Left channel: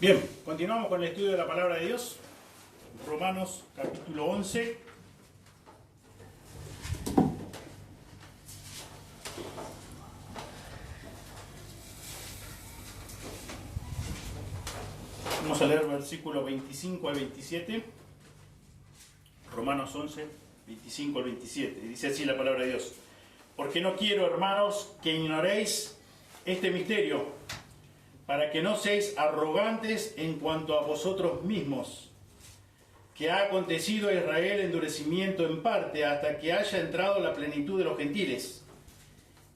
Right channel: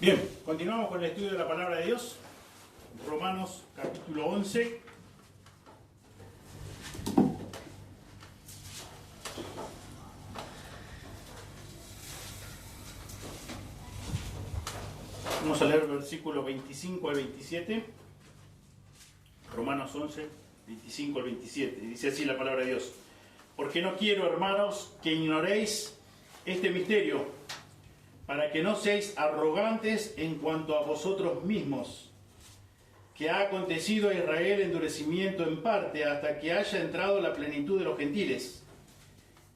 Bien, continuamos con el estudio de la palabra de Dios. Romanos capítulo 11. Vamos a leer versículos 25 al 27. Romanos 11, 25 al 27. Dice así la palabra de Dios. Porque no quiero, hermanos, que ignoréis este misterio, para que no seáis arrogantes en cuanto a vosotros mismos, que ha acontecido a Israel endurecimiento en parte, hasta que haya entrado la plenitud de los gentiles.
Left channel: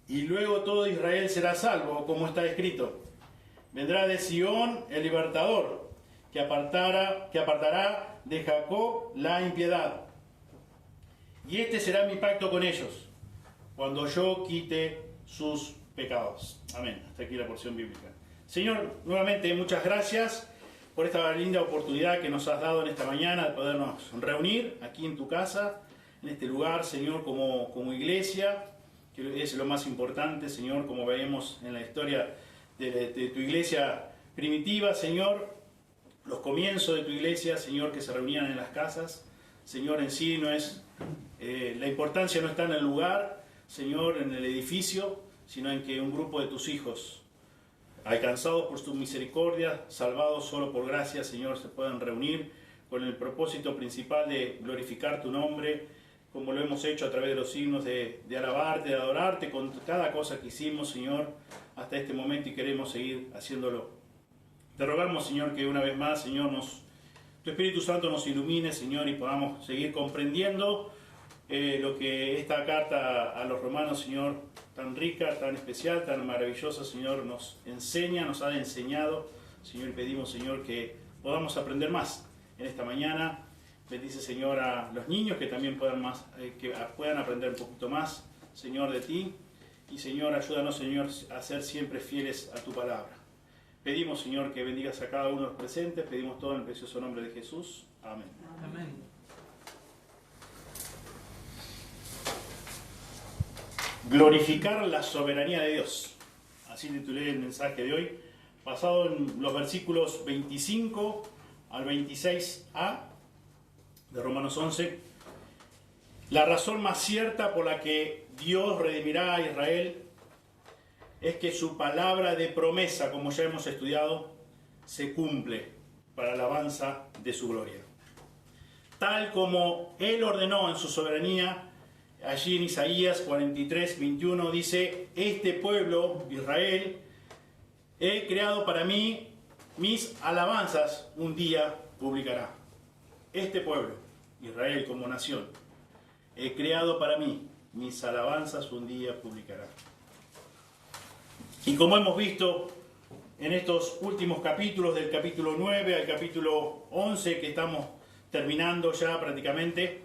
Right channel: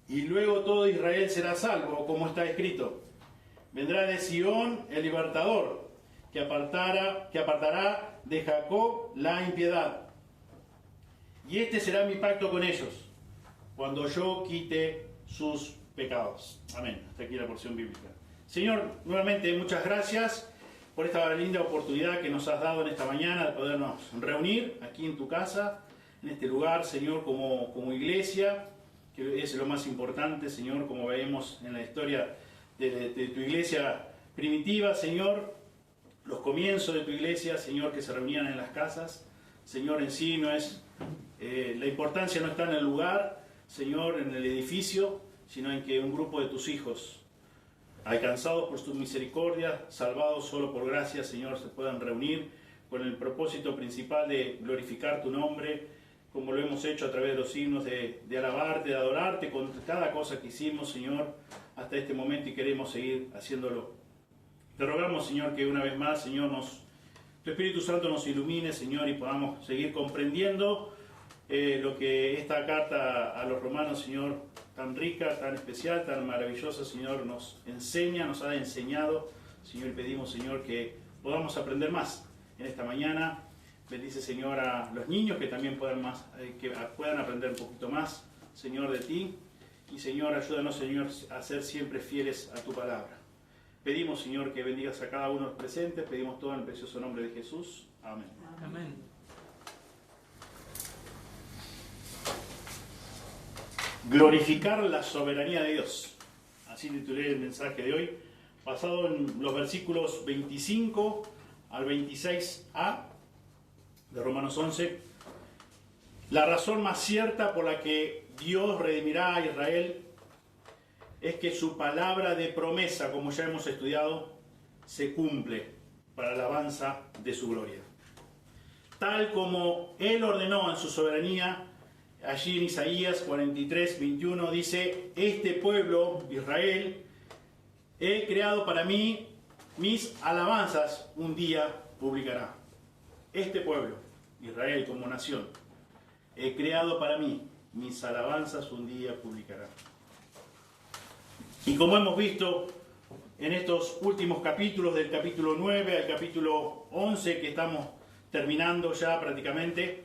Y luego todo Israel será salvo, como está escrito. Vendrá de Sión el libertador, que apartará de Jacob la impiedad. Y este será mi pacto con ellos, cuando yo quite sus pecados. Amén. Hasta aquí la porción bíblica. Señor, nuevamente muchas gracias por esta linda oportunidad que nos has dado en esta mañana de podernos reunir aquí en tu casa, en este lugar, Señor, como iglesia, que es lo más importante, Señor, como vemos en la historia de tu iglesia primitiva, Señor, los comienzos de tu iglesia, Señor, que se reunían en las casas. Señor, en sí no es, la importancia no está en el lugar, Señor, en el edificio, sino en que un grupo de tus hijos, alcanzados por tu misericordia, salvados solo por gracia, Señor, se puedan reunir con el propósito principal de glorificar tu nombre, como lo hemos hecho a través de los signos de alabarte, de adorarte, con cada cosa que hicimos, Señor, hasta este momento, y queremos seguir haciéndolo. Te rogamos, Señor, que una vez más, Señor, tu Espíritu Santo nos ilumine, Señor, y podamos seguir comprendiendo lo que esta carta a los romanos, Señor, tan rica, tan especial, tan maravillosa, Señor, nos enseña, nos ha enseñado, Señor, y pedimos, Señor, que podamos aprender más en esta mañana. Bendice, Señor, a los niños que también puedan aprender un poquito más, Señor, de ti. Y, Señor, ayúdanos, Señor, a ser siempre fieles a tu palabra. Pedimos, Señor, que bendigas a cada uno de los presentes. Pedimos todo en el precioso nombre de Jesús. Amén. Amén. Glorificar la soberanía de Dios. Así titulé el mensaje de hoy, basado en los versículos 25 al 26a de Romanos 11. La razón más cierta por la que Dios redimirá a Israel es que su palabra de promesa, como ya hemos estudiado, se cumple para alabanza de su gloria. Tal como Él ordenó en su soberanía. Allí en Isaías 43, 21 dice: este pueblo, Israel, he creado para mí, mis alabanzas un día publicará. Este pueblo, Israel como nación, he creado para mí, mis alabanzas un día publicará. Y como hemos visto en estos últimos capítulos, del capítulo 9 al capítulo 11, que estamos terminando ya prácticamente,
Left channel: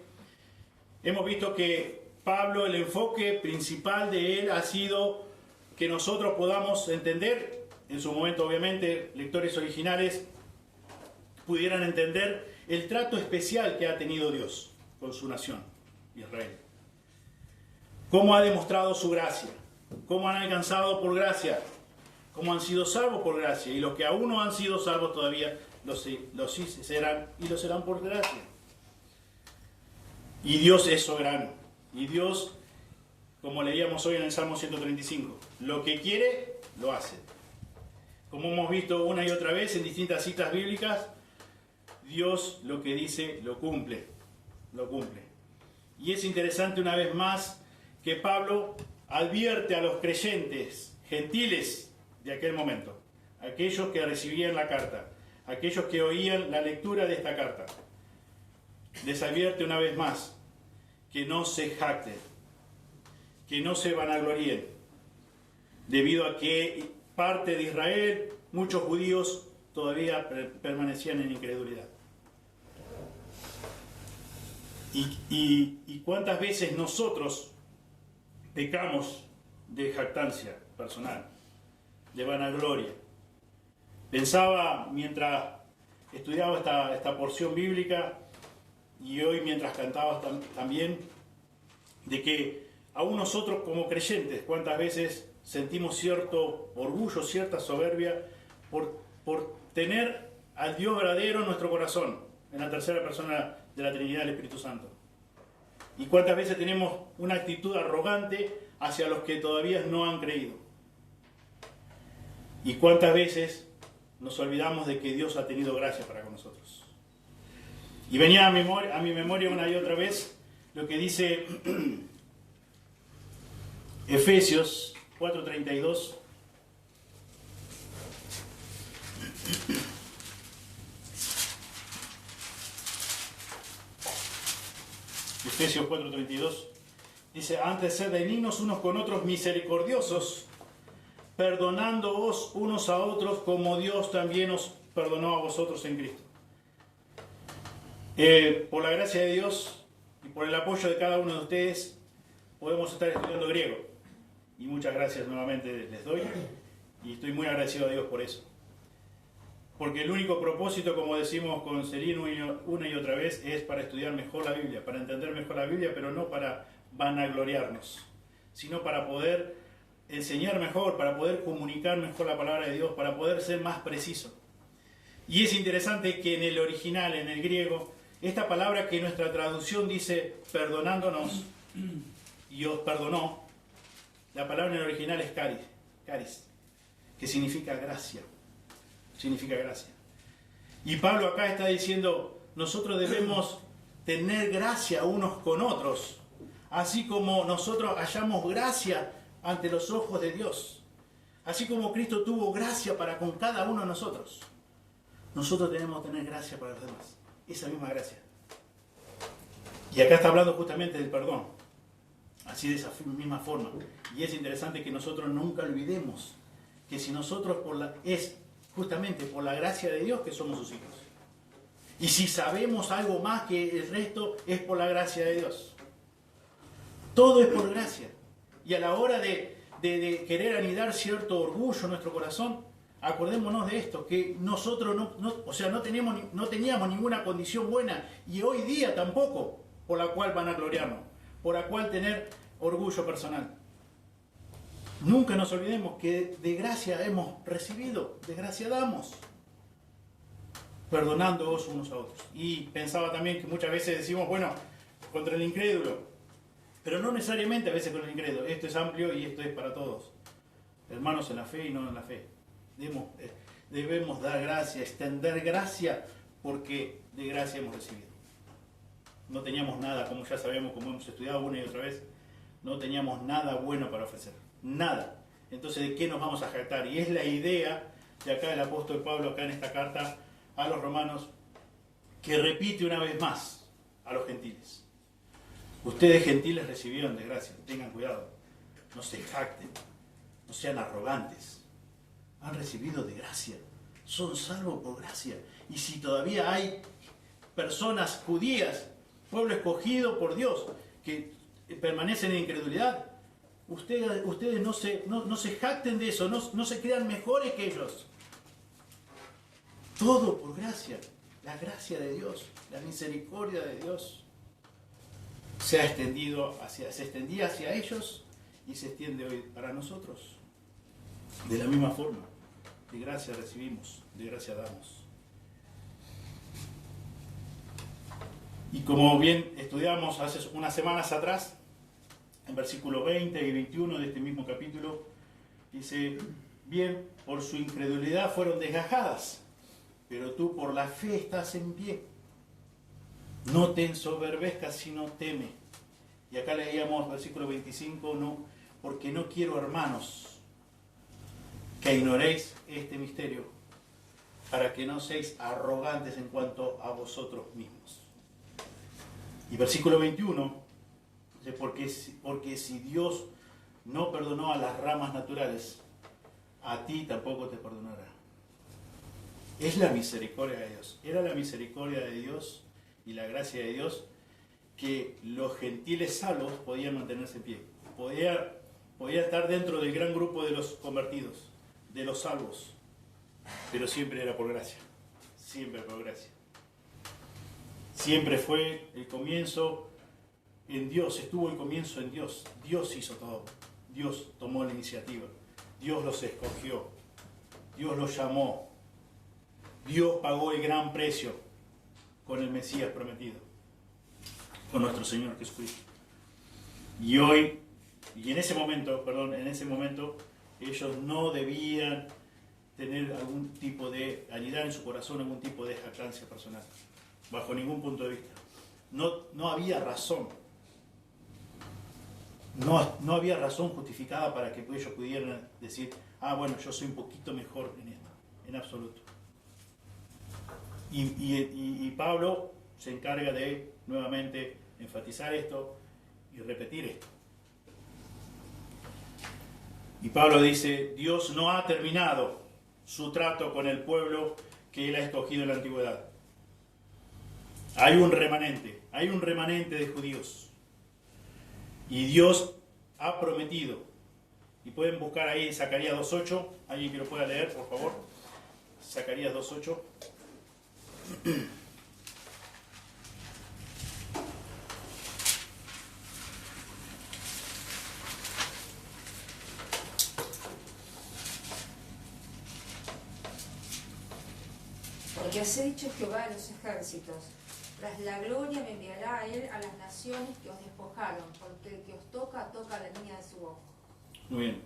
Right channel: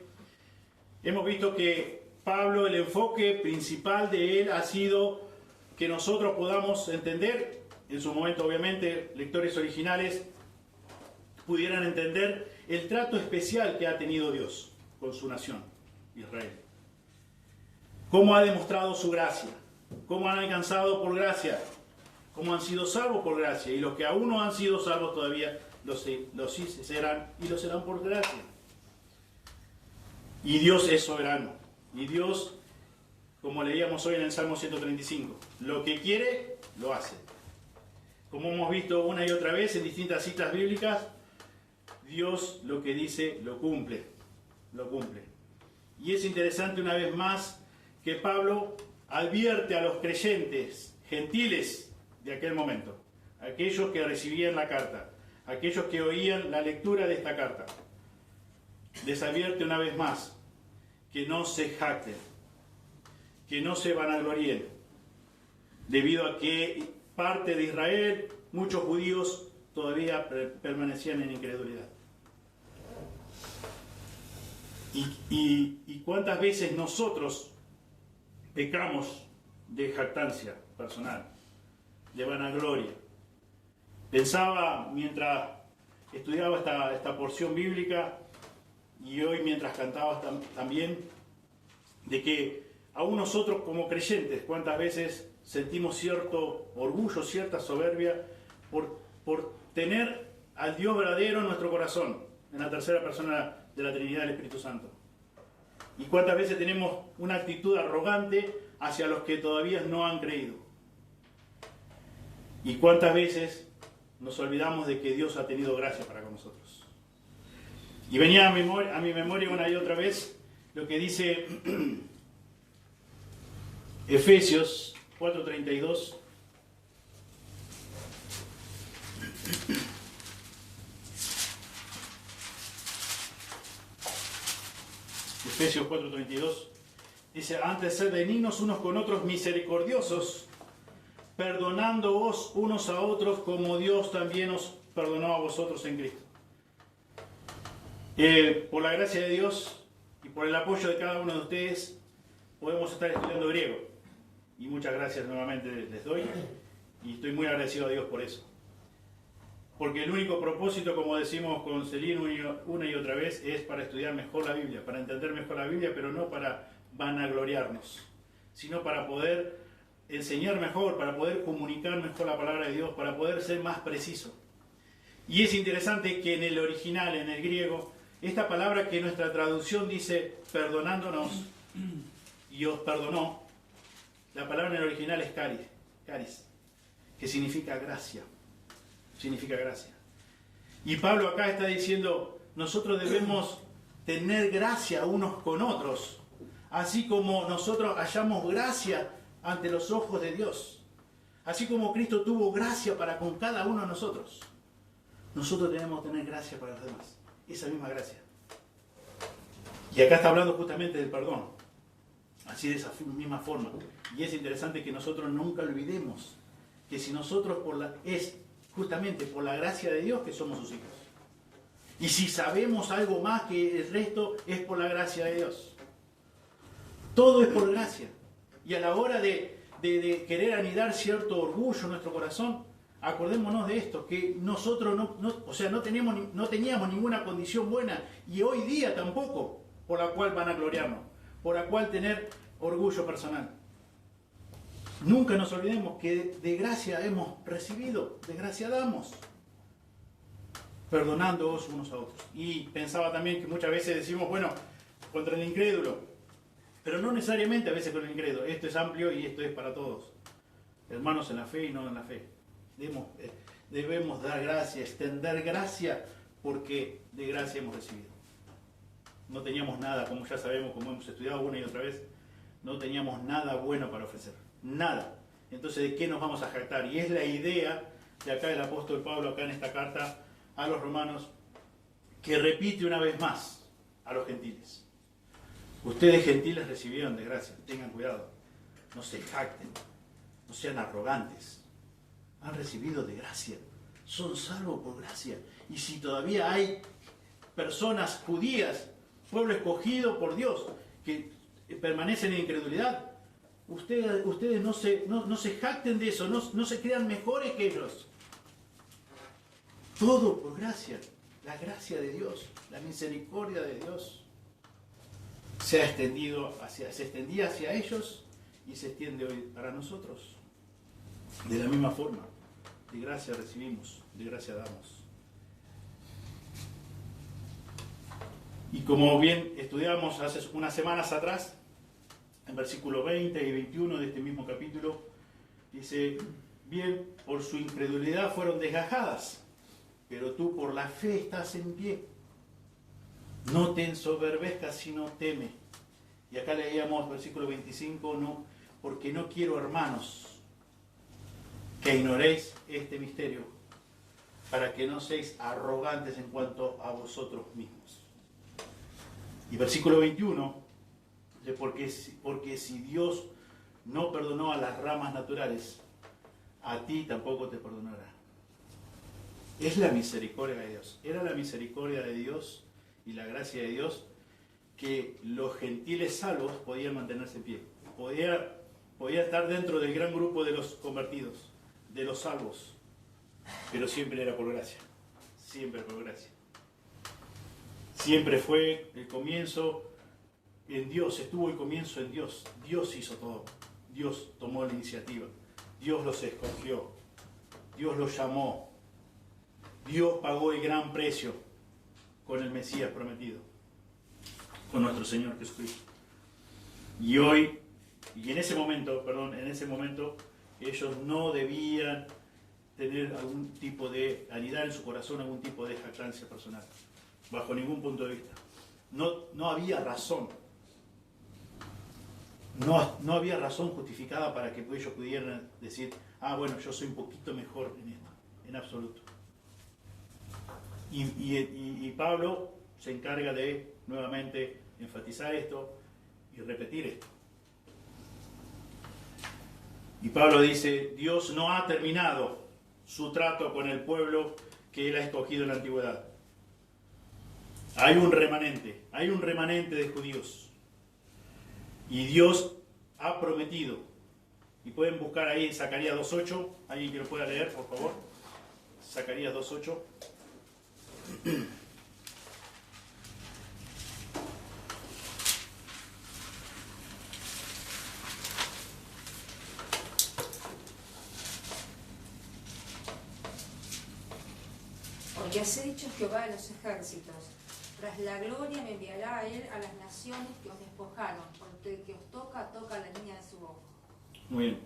hemos visto que Pablo, el enfoque principal de él ha sido que nosotros podamos entender, en su momento obviamente lectores originales pudieran entender el trato especial que ha tenido Dios con su nación, Israel. Cómo ha demostrado su gracia, cómo han alcanzado por gracia, cómo han sido salvos por gracia, y los que aún no han sido salvos todavía los serán, y los serán por gracia. Y Dios es soberano. Y Dios, como leíamos hoy en el Salmo 135, lo que quiere, lo hace. Como hemos visto una y otra vez en distintas citas bíblicas, Dios lo que dice, lo cumple. Lo cumple. Y es interesante una vez más que Pablo advierte a los creyentes gentiles de aquel momento, aquellos que recibían la carta, aquellos que oían la lectura de esta carta. Les advierte una vez más que no se jacten, que no se vanagloríen, debido a que parte de Israel, muchos judíos, todavía permanecían en incredulidad. Y cuántas veces nosotros pecamos de jactancia personal, de vanagloria. Pensaba mientras estudiaba esta porción bíblica, y hoy mientras cantabas también, de que aún nosotros como creyentes, cuántas veces sentimos cierto orgullo, cierta soberbia por tener al Dios verdadero en nuestro corazón, en la tercera persona de la Trinidad del Espíritu Santo. Y cuántas veces tenemos una actitud arrogante hacia los que todavía no han creído. Y cuántas veces nos olvidamos de que Dios ha tenido gracia para con nosotros. Y venía a mi memoria una y otra vez lo que dice Efesios 4:32. Efesios 4:32 dice: antes sed benignos unos con otros, misericordiosos, perdonándoos unos a otros como Dios también os perdonó a vosotros en Cristo. Por la gracia de Dios y por el apoyo de cada uno de ustedes podemos estar estudiando griego. Y muchas gracias nuevamente les doy. Y estoy muy agradecido a Dios por eso. Porque el único propósito, como decimos con Celino una y otra vez, es para estudiar mejor la Biblia, para entender mejor la Biblia, pero no para vanagloriarnos, sino para poder enseñar mejor, para poder comunicar mejor la palabra de Dios, para poder ser más preciso. Y es interesante que en el original, en el griego, esta palabra que nuestra traducción dice perdonándonos y os perdonó, la palabra en el original es caris, que significa gracia. Significa gracia. Y Pablo acá está diciendo, nosotros debemos tener gracia unos con otros, así como nosotros hallamos gracia ante los ojos de Dios, así como Cristo tuvo gracia para con cada uno de nosotros. Nosotros tenemos que tener gracia para los demás, esa misma gracia. Y acá está hablando justamente del perdón, así de esa misma forma. Y es interesante que nosotros nunca olvidemos que si nosotros es justamente por la gracia de Dios que somos sus hijos. Y si sabemos algo más que el resto, es por la gracia de Dios. Todo es por gracia. Y a la hora de querer anidar cierto orgullo en nuestro corazón, acordémonos de esto, que nosotros no teníamos ninguna condición buena, y hoy día tampoco, por la cual van a gloriarnos, por la cual tener orgullo personal. Nunca nos olvidemos que de gracia hemos recibido, de gracia damos, perdonándoos unos a otros. Y pensaba también que muchas veces decimos, bueno, contra el incrédulo, pero no necesariamente a veces con el incrédulo. Esto es amplio y esto es para todos. Hermanos en la fe y no en la fe. Debemos dar gracia, extender gracia, porque de gracia hemos recibido. No teníamos nada, como ya sabemos, como hemos estudiado una y otra vez, no teníamos nada bueno para ofrecer. Nada. Entonces, ¿de qué nos vamos a jactar? Y es la idea de acá el apóstol Pablo, acá en esta carta a los romanos, que repite una vez más a los gentiles. Ustedes gentiles recibieron de gracia, tengan cuidado, no se jacten, no sean arrogantes, han recibido de gracia, son salvos por gracia. Y si todavía hay personas judías, pueblo escogido por Dios, que permanecen en incredulidad, ustedes no se jacten de eso, no se crean mejores que ellos. Todo por gracia, la gracia de Dios, la misericordia de Dios se extendía hacia ellos y se extiende hoy para nosotros. De la misma forma, de gracia recibimos, de gracia damos. Y como bien estudiamos hace unas semanas atrás, en versículos 20 y 21 de este mismo capítulo, dice, bien, por su incredulidad fueron desgajadas, pero tú por la fe estás en pie. No te ensoberbezcas, sino teme. Y acá leíamos versículo 25, no, porque no quiero, hermanos, que ignoréis este misterio, para que no seáis arrogantes en cuanto a vosotros mismos. Y versículo 21, porque si Dios no perdonó a las ramas naturales, a ti tampoco te perdonará. Es la misericordia de Dios. Era la misericordia de Dios y la gracia de Dios que los gentiles salvos podían mantenerse en pie. Podía estar dentro del gran grupo de los convertidos, de los salvos. Pero siempre era por gracia. Siempre por gracia. Siempre fue el comienzo en Dios, estuvo el comienzo en Dios. Dios hizo todo. Dios tomó la iniciativa. Dios los escogió. Dios los llamó. Dios pagó el gran precio con el Mesías prometido, con nuestro Señor Jesucristo. Y en ese momento, ellos no debían tener algún tipo de, anidar en su corazón algún tipo de jactancia personal, bajo ningún punto de vista. No había razón. No había razón justificada para que ellos pudieran decir, bueno, yo soy un poquito mejor en esto, en absoluto. Y Pablo se encarga de nuevamente enfatizar esto y repetir esto. Y Pablo dice, Dios no ha terminado su trato con el pueblo que él ha escogido en la antigüedad. Hay un remanente de judíos. Y Dios ha prometido, y pueden buscar ahí Zacarías 2.8, alguien que lo pueda leer, por favor. Zacarías 2.8. Porque así ha dicho Jehová de los ejércitos, tras la gloria me enviará a él a las naciones que os despojaron, porque el que os toca la línea de su ojo. Muy bien.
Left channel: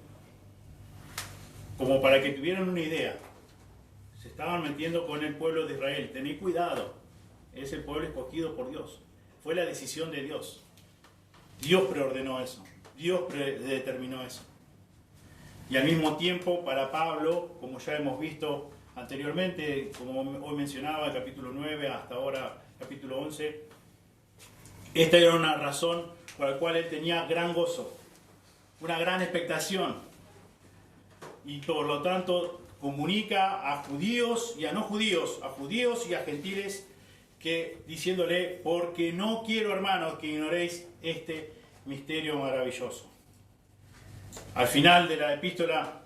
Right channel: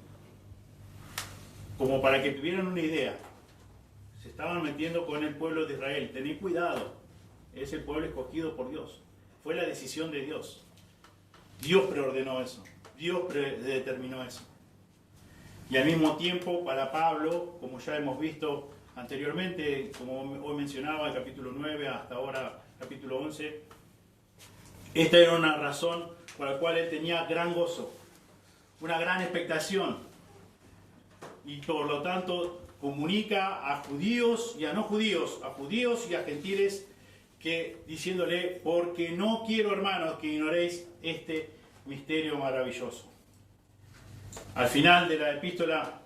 Como para que tuvieran una idea, se estaban metiendo con el pueblo de Israel. Tened cuidado, es el pueblo escogido por Dios. Fue la decisión de Dios. Dios preordenó eso, Dios determinó eso. Y al mismo tiempo, para Pablo, como ya hemos visto anteriormente, como hoy mencionaba, el capítulo 9 hasta ahora capítulo 11, esta era una razón por la cual él tenía gran gozo, una gran expectación, y por lo tanto comunica a judíos y a no judíos, a judíos y a gentiles, que diciéndole, porque no quiero, hermanos, que ignoréis este misterio maravilloso. Al final de la epístola,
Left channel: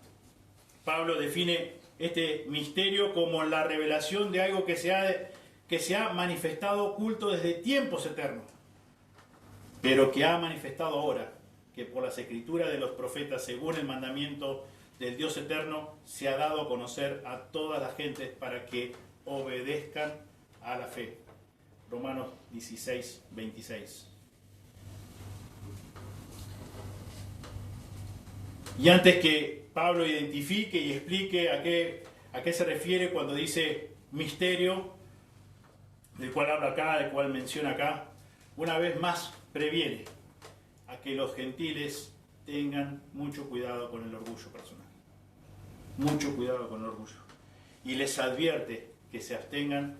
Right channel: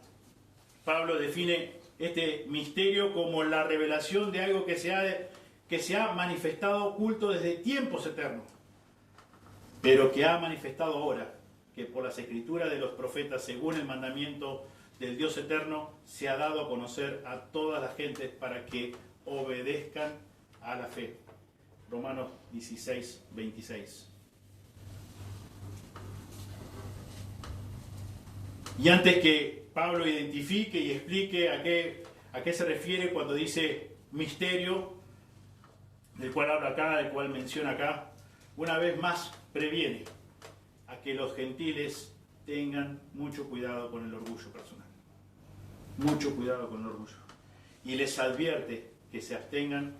Pablo define este misterio como la revelación de algo que se ha manifestado oculto desde tiempos eternos, pero que ha manifestado ahora, que por las escrituras de los profetas, según el mandamiento del Dios eterno, se ha dado a conocer a todas las gentes para que obedezcan a la fe. Romanos 16, 26. Y antes que Pablo identifique y explique a qué se refiere cuando dice misterio, del cual habla acá, del cual menciona acá, una vez más previene a que los gentiles tengan mucho cuidado con el orgullo personal. Mucho cuidado con el orgullo. Y les advierte que se abstengan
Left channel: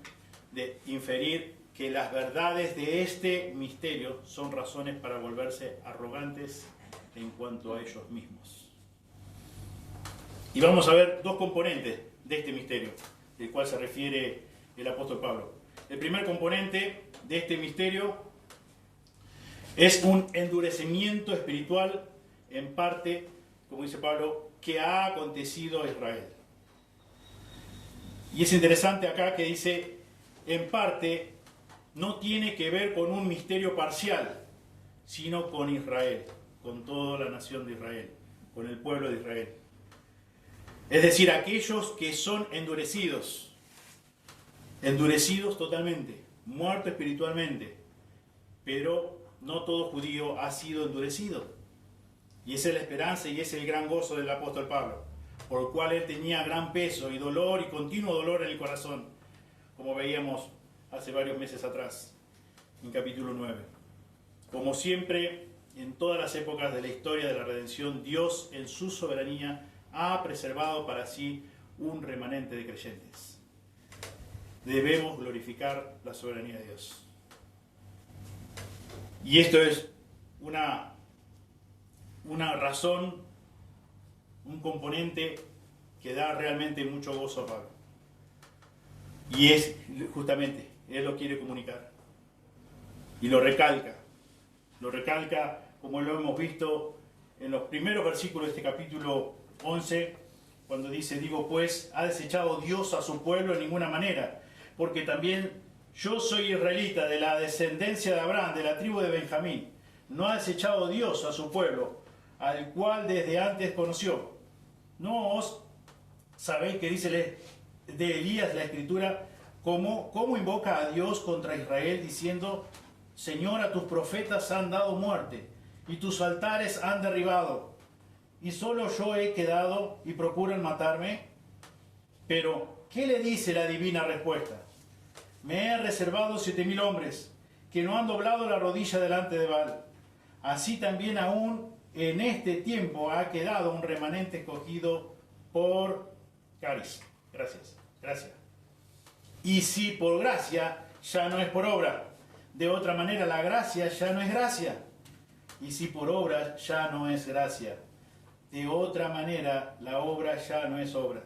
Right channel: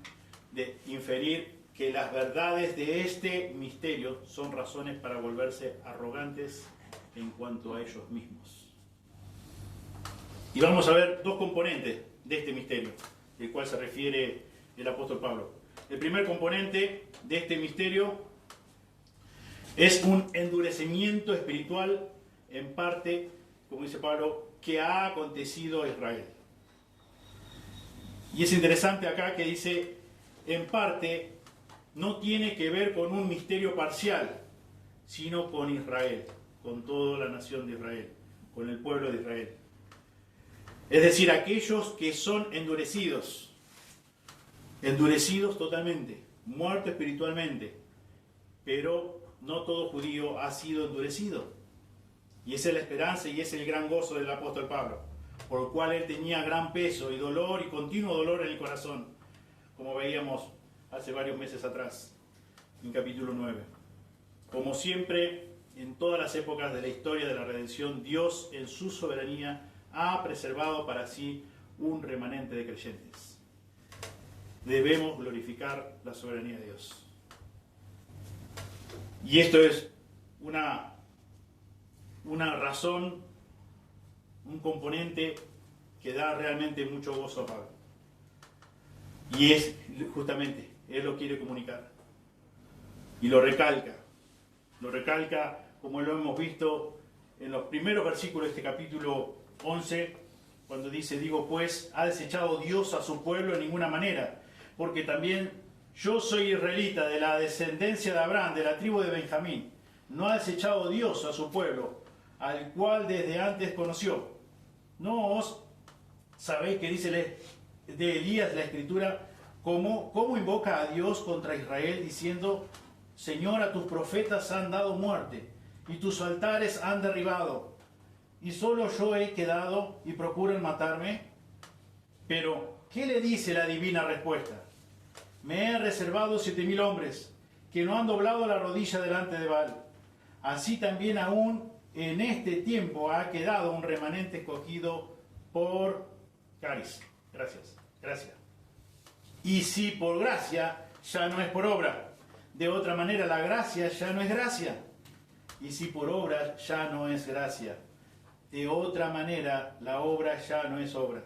de inferir que las verdades de este misterio son razones para volverse arrogantes en cuanto a ellos mismos. Y vamos a ver dos componentes de este misterio, del cual se refiere el apóstol Pablo. El primer componente de este misterio es un endurecimiento espiritual, en parte, como dice Pablo, que ha acontecido a Israel. Y es interesante acá que dice, en parte, no tiene que ver con un misterio parcial, sino con Israel, con toda la nación de Israel, con el pueblo de Israel. Es decir, aquellos que son endurecidos totalmente, muertos espiritualmente, pero no todo judío ha sido endurecido. Y esa es la esperanza y ese es el gran gozo del apóstol Pablo, por el cual él tenía gran peso y dolor y continuo dolor en el corazón, como veíamos hace varios meses atrás, en capítulo 9. Como siempre, en todas las épocas de la historia de la redención, Dios en su soberanía ha preservado para sí un remanente de creyentes. Debemos glorificar la soberanía de Dios. Y esto es una razón, un componente que da realmente mucho gozo a Pablo. Y es justamente, él lo quiere comunicar. Y lo recalca como lo hemos visto en los primeros versículos de este capítulo 11, cuando dice, digo pues, ¿ha desechado Dios a su pueblo? En ninguna manera, porque también yo soy israelita, de la descendencia de Abraham, de la tribu de Benjamín. ¿No ha desechado Dios a su pueblo, al cual desde antes conoció? ¿No os sabéis que dice de Elías la escritura, cómo invoca a Dios contra Israel diciendo: Señor, a tus profetas han dado muerte y tus altares han derribado, y solo yo he quedado y procuran matarme. Pero, ¿qué le dice la divina respuesta? Me he reservado 7,000 hombres que no han doblado la rodilla delante de Baal. Así también aún en este tiempo ha quedado un remanente escogido por Caris. Gracias. Y si por gracia, ya no es por obra. De otra manera, la gracia ya no es gracia. Y si por obra, ya no es gracia. De otra manera, la obra ya no es obra.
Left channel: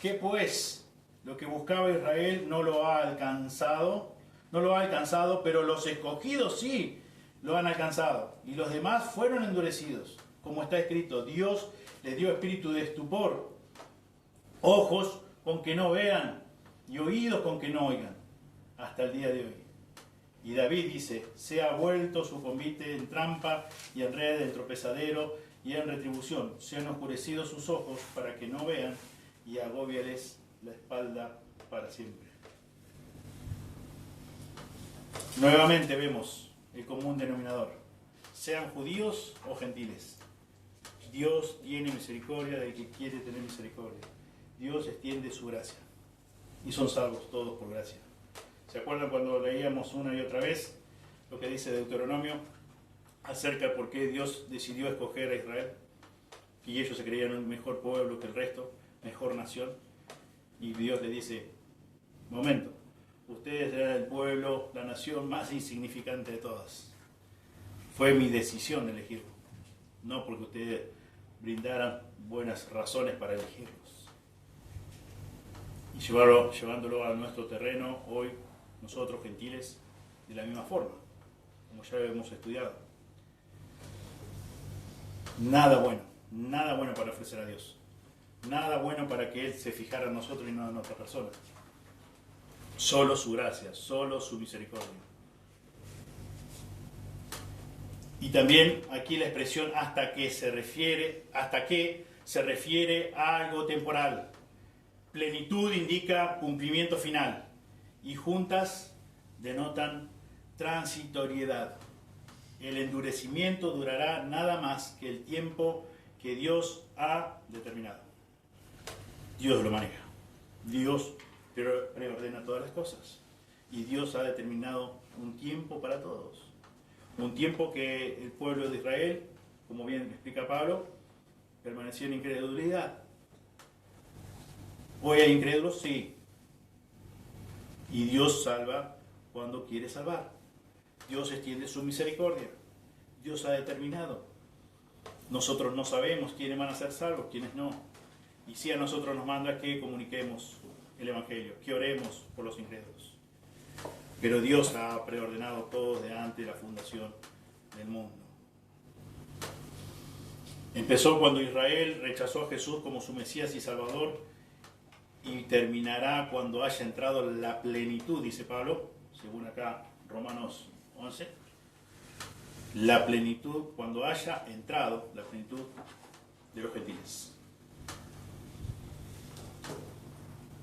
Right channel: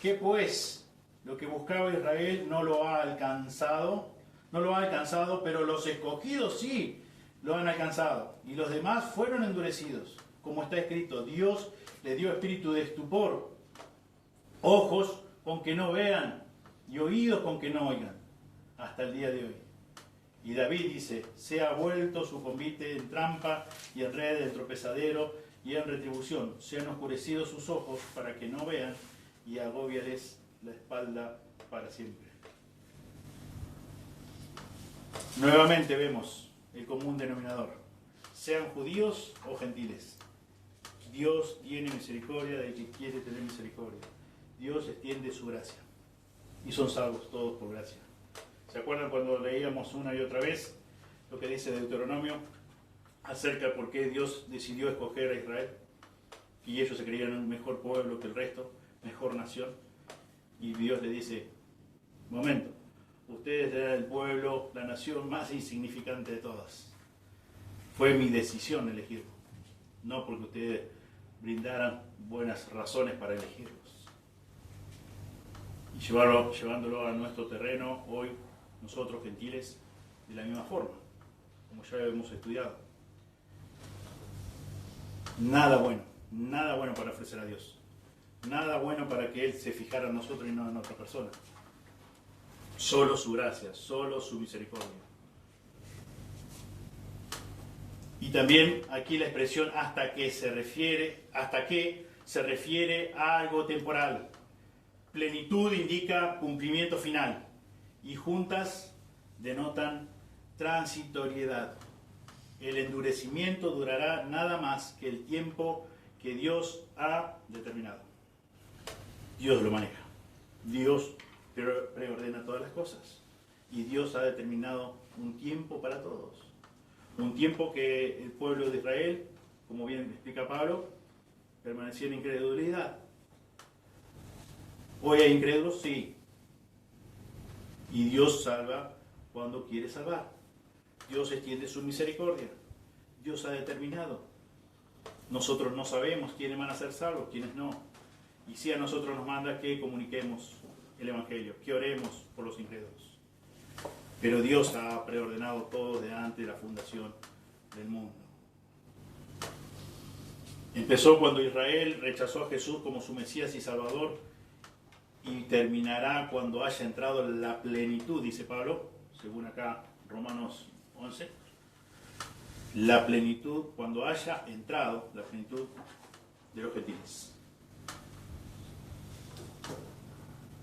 ¿Qué pues? Lo que buscaba Israel no lo ha alcanzado, pero los escogidos sí lo han alcanzado. Y los demás fueron endurecidos. Como está escrito, Dios les dio espíritu de estupor, ojos con que no vean y oídos con que no oigan, hasta el día de hoy. Y David dice: se ha vuelto su convite en trampa y en red, en tropezadero y en retribución. Se han oscurecido sus ojos para que no vean, y agóbiales la espalda para siempre. Nuevamente vemos el común denominador: sean judíos o gentiles. Dios tiene misericordia del que quiere tener misericordia. Dios extiende su gracia. Y son salvos todos por gracia. ¿Se acuerdan cuando leíamos una y otra vez lo que dice Deuteronomio acerca de por qué Dios decidió escoger a Israel? Y ellos se creían un mejor pueblo que el resto, mejor nación. Y Dios le dice: momento, ustedes eran el pueblo, la nación más insignificante de todas. Fue mi decisión elegirlo, no porque ustedes brindaran buenas razones para elegirlos. Y llevándolo a nuestro terreno, hoy nosotros gentiles, de la misma forma, como ya hemos estudiado. Nada bueno para ofrecer a Dios. Nada bueno para que Él se fijara en nosotros y no en otra persona. Solo su gracia, solo su misericordia. Y también aquí la expresión hasta que se refiere a algo temporal. Plenitud indica cumplimiento final y juntas denotan transitoriedad. El endurecimiento durará nada más que el tiempo que Dios ha determinado. Dios lo maneja. Dios preordena todas las cosas. Y Dios ha determinado un tiempo para todos. Un tiempo que el pueblo de Israel, como bien explica Pablo, permanecía en incredulidad. ¿Hoy hay incrédulos? Sí. Y Dios salva cuando quiere salvar. Dios extiende su misericordia. Dios ha determinado. Nosotros no sabemos quiénes van a ser salvos, quiénes no. Y sí, a nosotros nos manda que comuniquemos el Evangelio, que oremos por los incrédulos. Pero Dios ha preordenado todo desde antes de la fundación del mundo. Empezó cuando Israel rechazó a Jesús como su Mesías y Salvador, y terminará cuando haya entrado la plenitud, dice Pablo, según acá Romanos 11. La plenitud, cuando haya entrado la plenitud de los gentiles.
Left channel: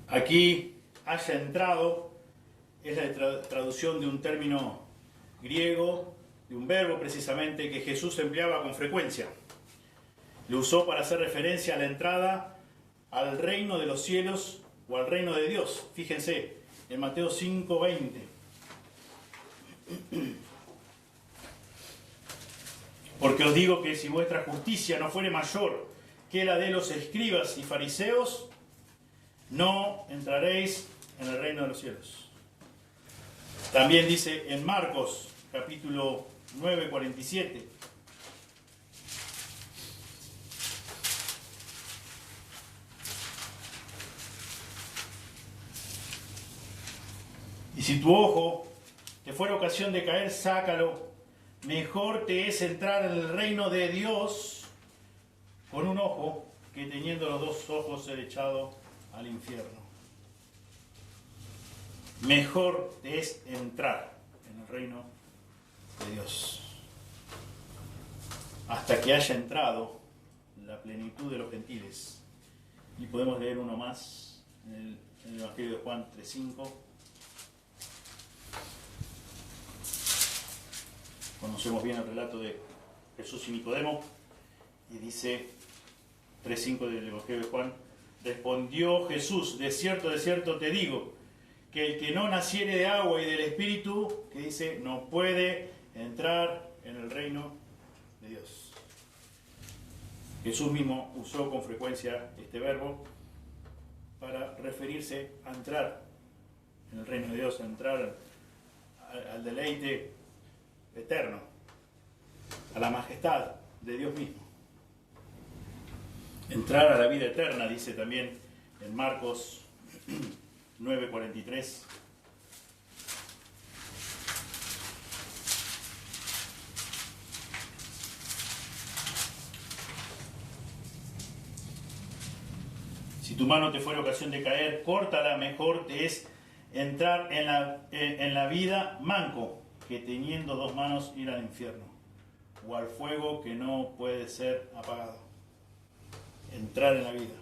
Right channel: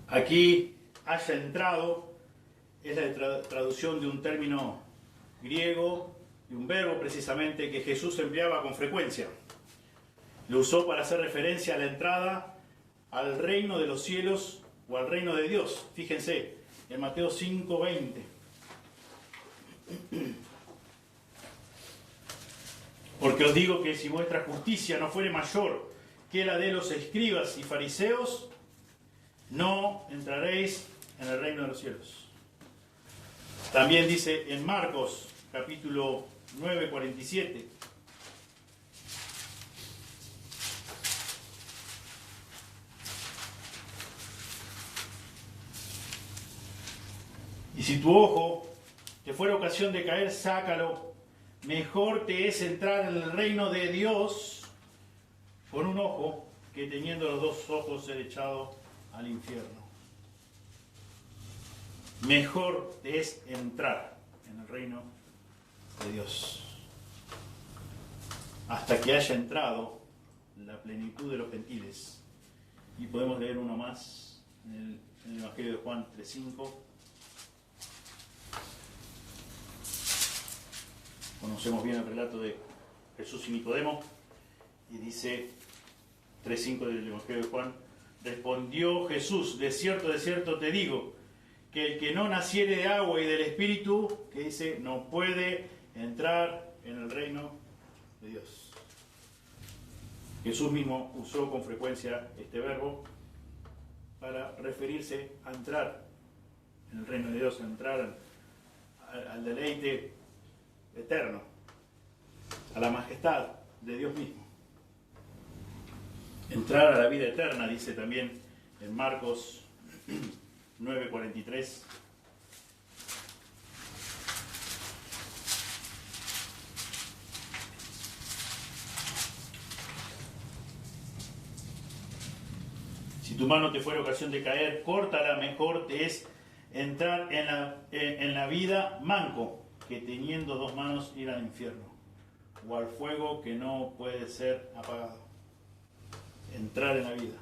Aquí, haya entrado, es la traducción de un término griego, de un verbo precisamente, que Jesús empleaba con frecuencia. Lo usó para hacer referencia a la entrada al reino de los cielos o al reino de Dios. Fíjense, en Mateo 5:20. Porque os digo que si vuestra justicia no fuere mayor que la de los escribas y fariseos, no entraréis en el reino de los cielos. También dice en Marcos, capítulo 9:47. Y si tu ojo te fuera ocasión de caer, sácalo. Mejor te es entrar en el reino de Dios con un ojo que teniendo los dos ojos ser echado al infierno. Mejor te es entrar en el reino de Dios hasta que haya entrado la plenitud de los gentiles. Y podemos leer uno más en el Evangelio de Juan 3:5. Conocemos bien el relato de Jesús y Nicodemo, y dice 3:5 del Evangelio de Juan: respondió Jesús, de cierto te digo, que el que no naciere de agua y del Espíritu, que dice, no puede entrar en el reino de Dios. Jesús mismo usó con frecuencia este verbo para referirse a entrar en el reino de Dios, a entrar al deleite eterno, a la majestad de Dios mismo. Entrar a la vida eterna, dice también en Marcos 9:43. Si tu mano te fuera ocasión de caer, córtala, mejor te es entrar en la vida manco que teniendo dos manos ir al infierno, o al fuego que no puede ser apagado. Entrar en la vida.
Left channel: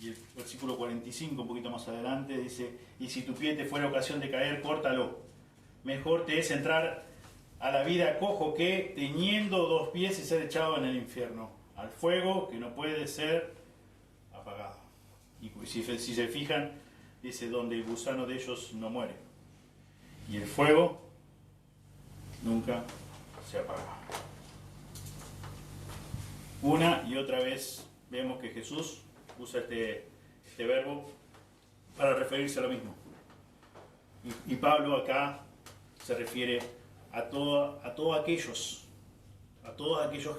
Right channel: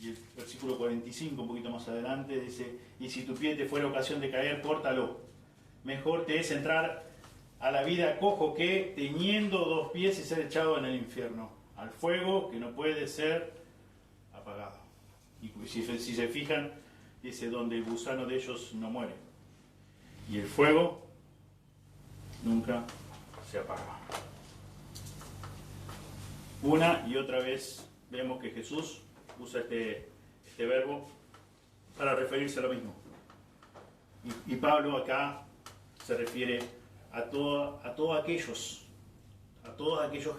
Y el versículo 45, un poquito más adelante, dice, y si tu pie te fuera ocasión de caer, córtalo. Mejor te es entrar a la vida cojo que teniendo dos pies y ser echado en el infierno, al fuego que no puede ser apagado. Y si se fijan, dice, donde el gusano de ellos no muere. Y el fuego nunca se apaga. Una y otra vez vemos que Jesús usa este verbo para referirse a lo mismo. Y Pablo acá se refiere a todos aquellos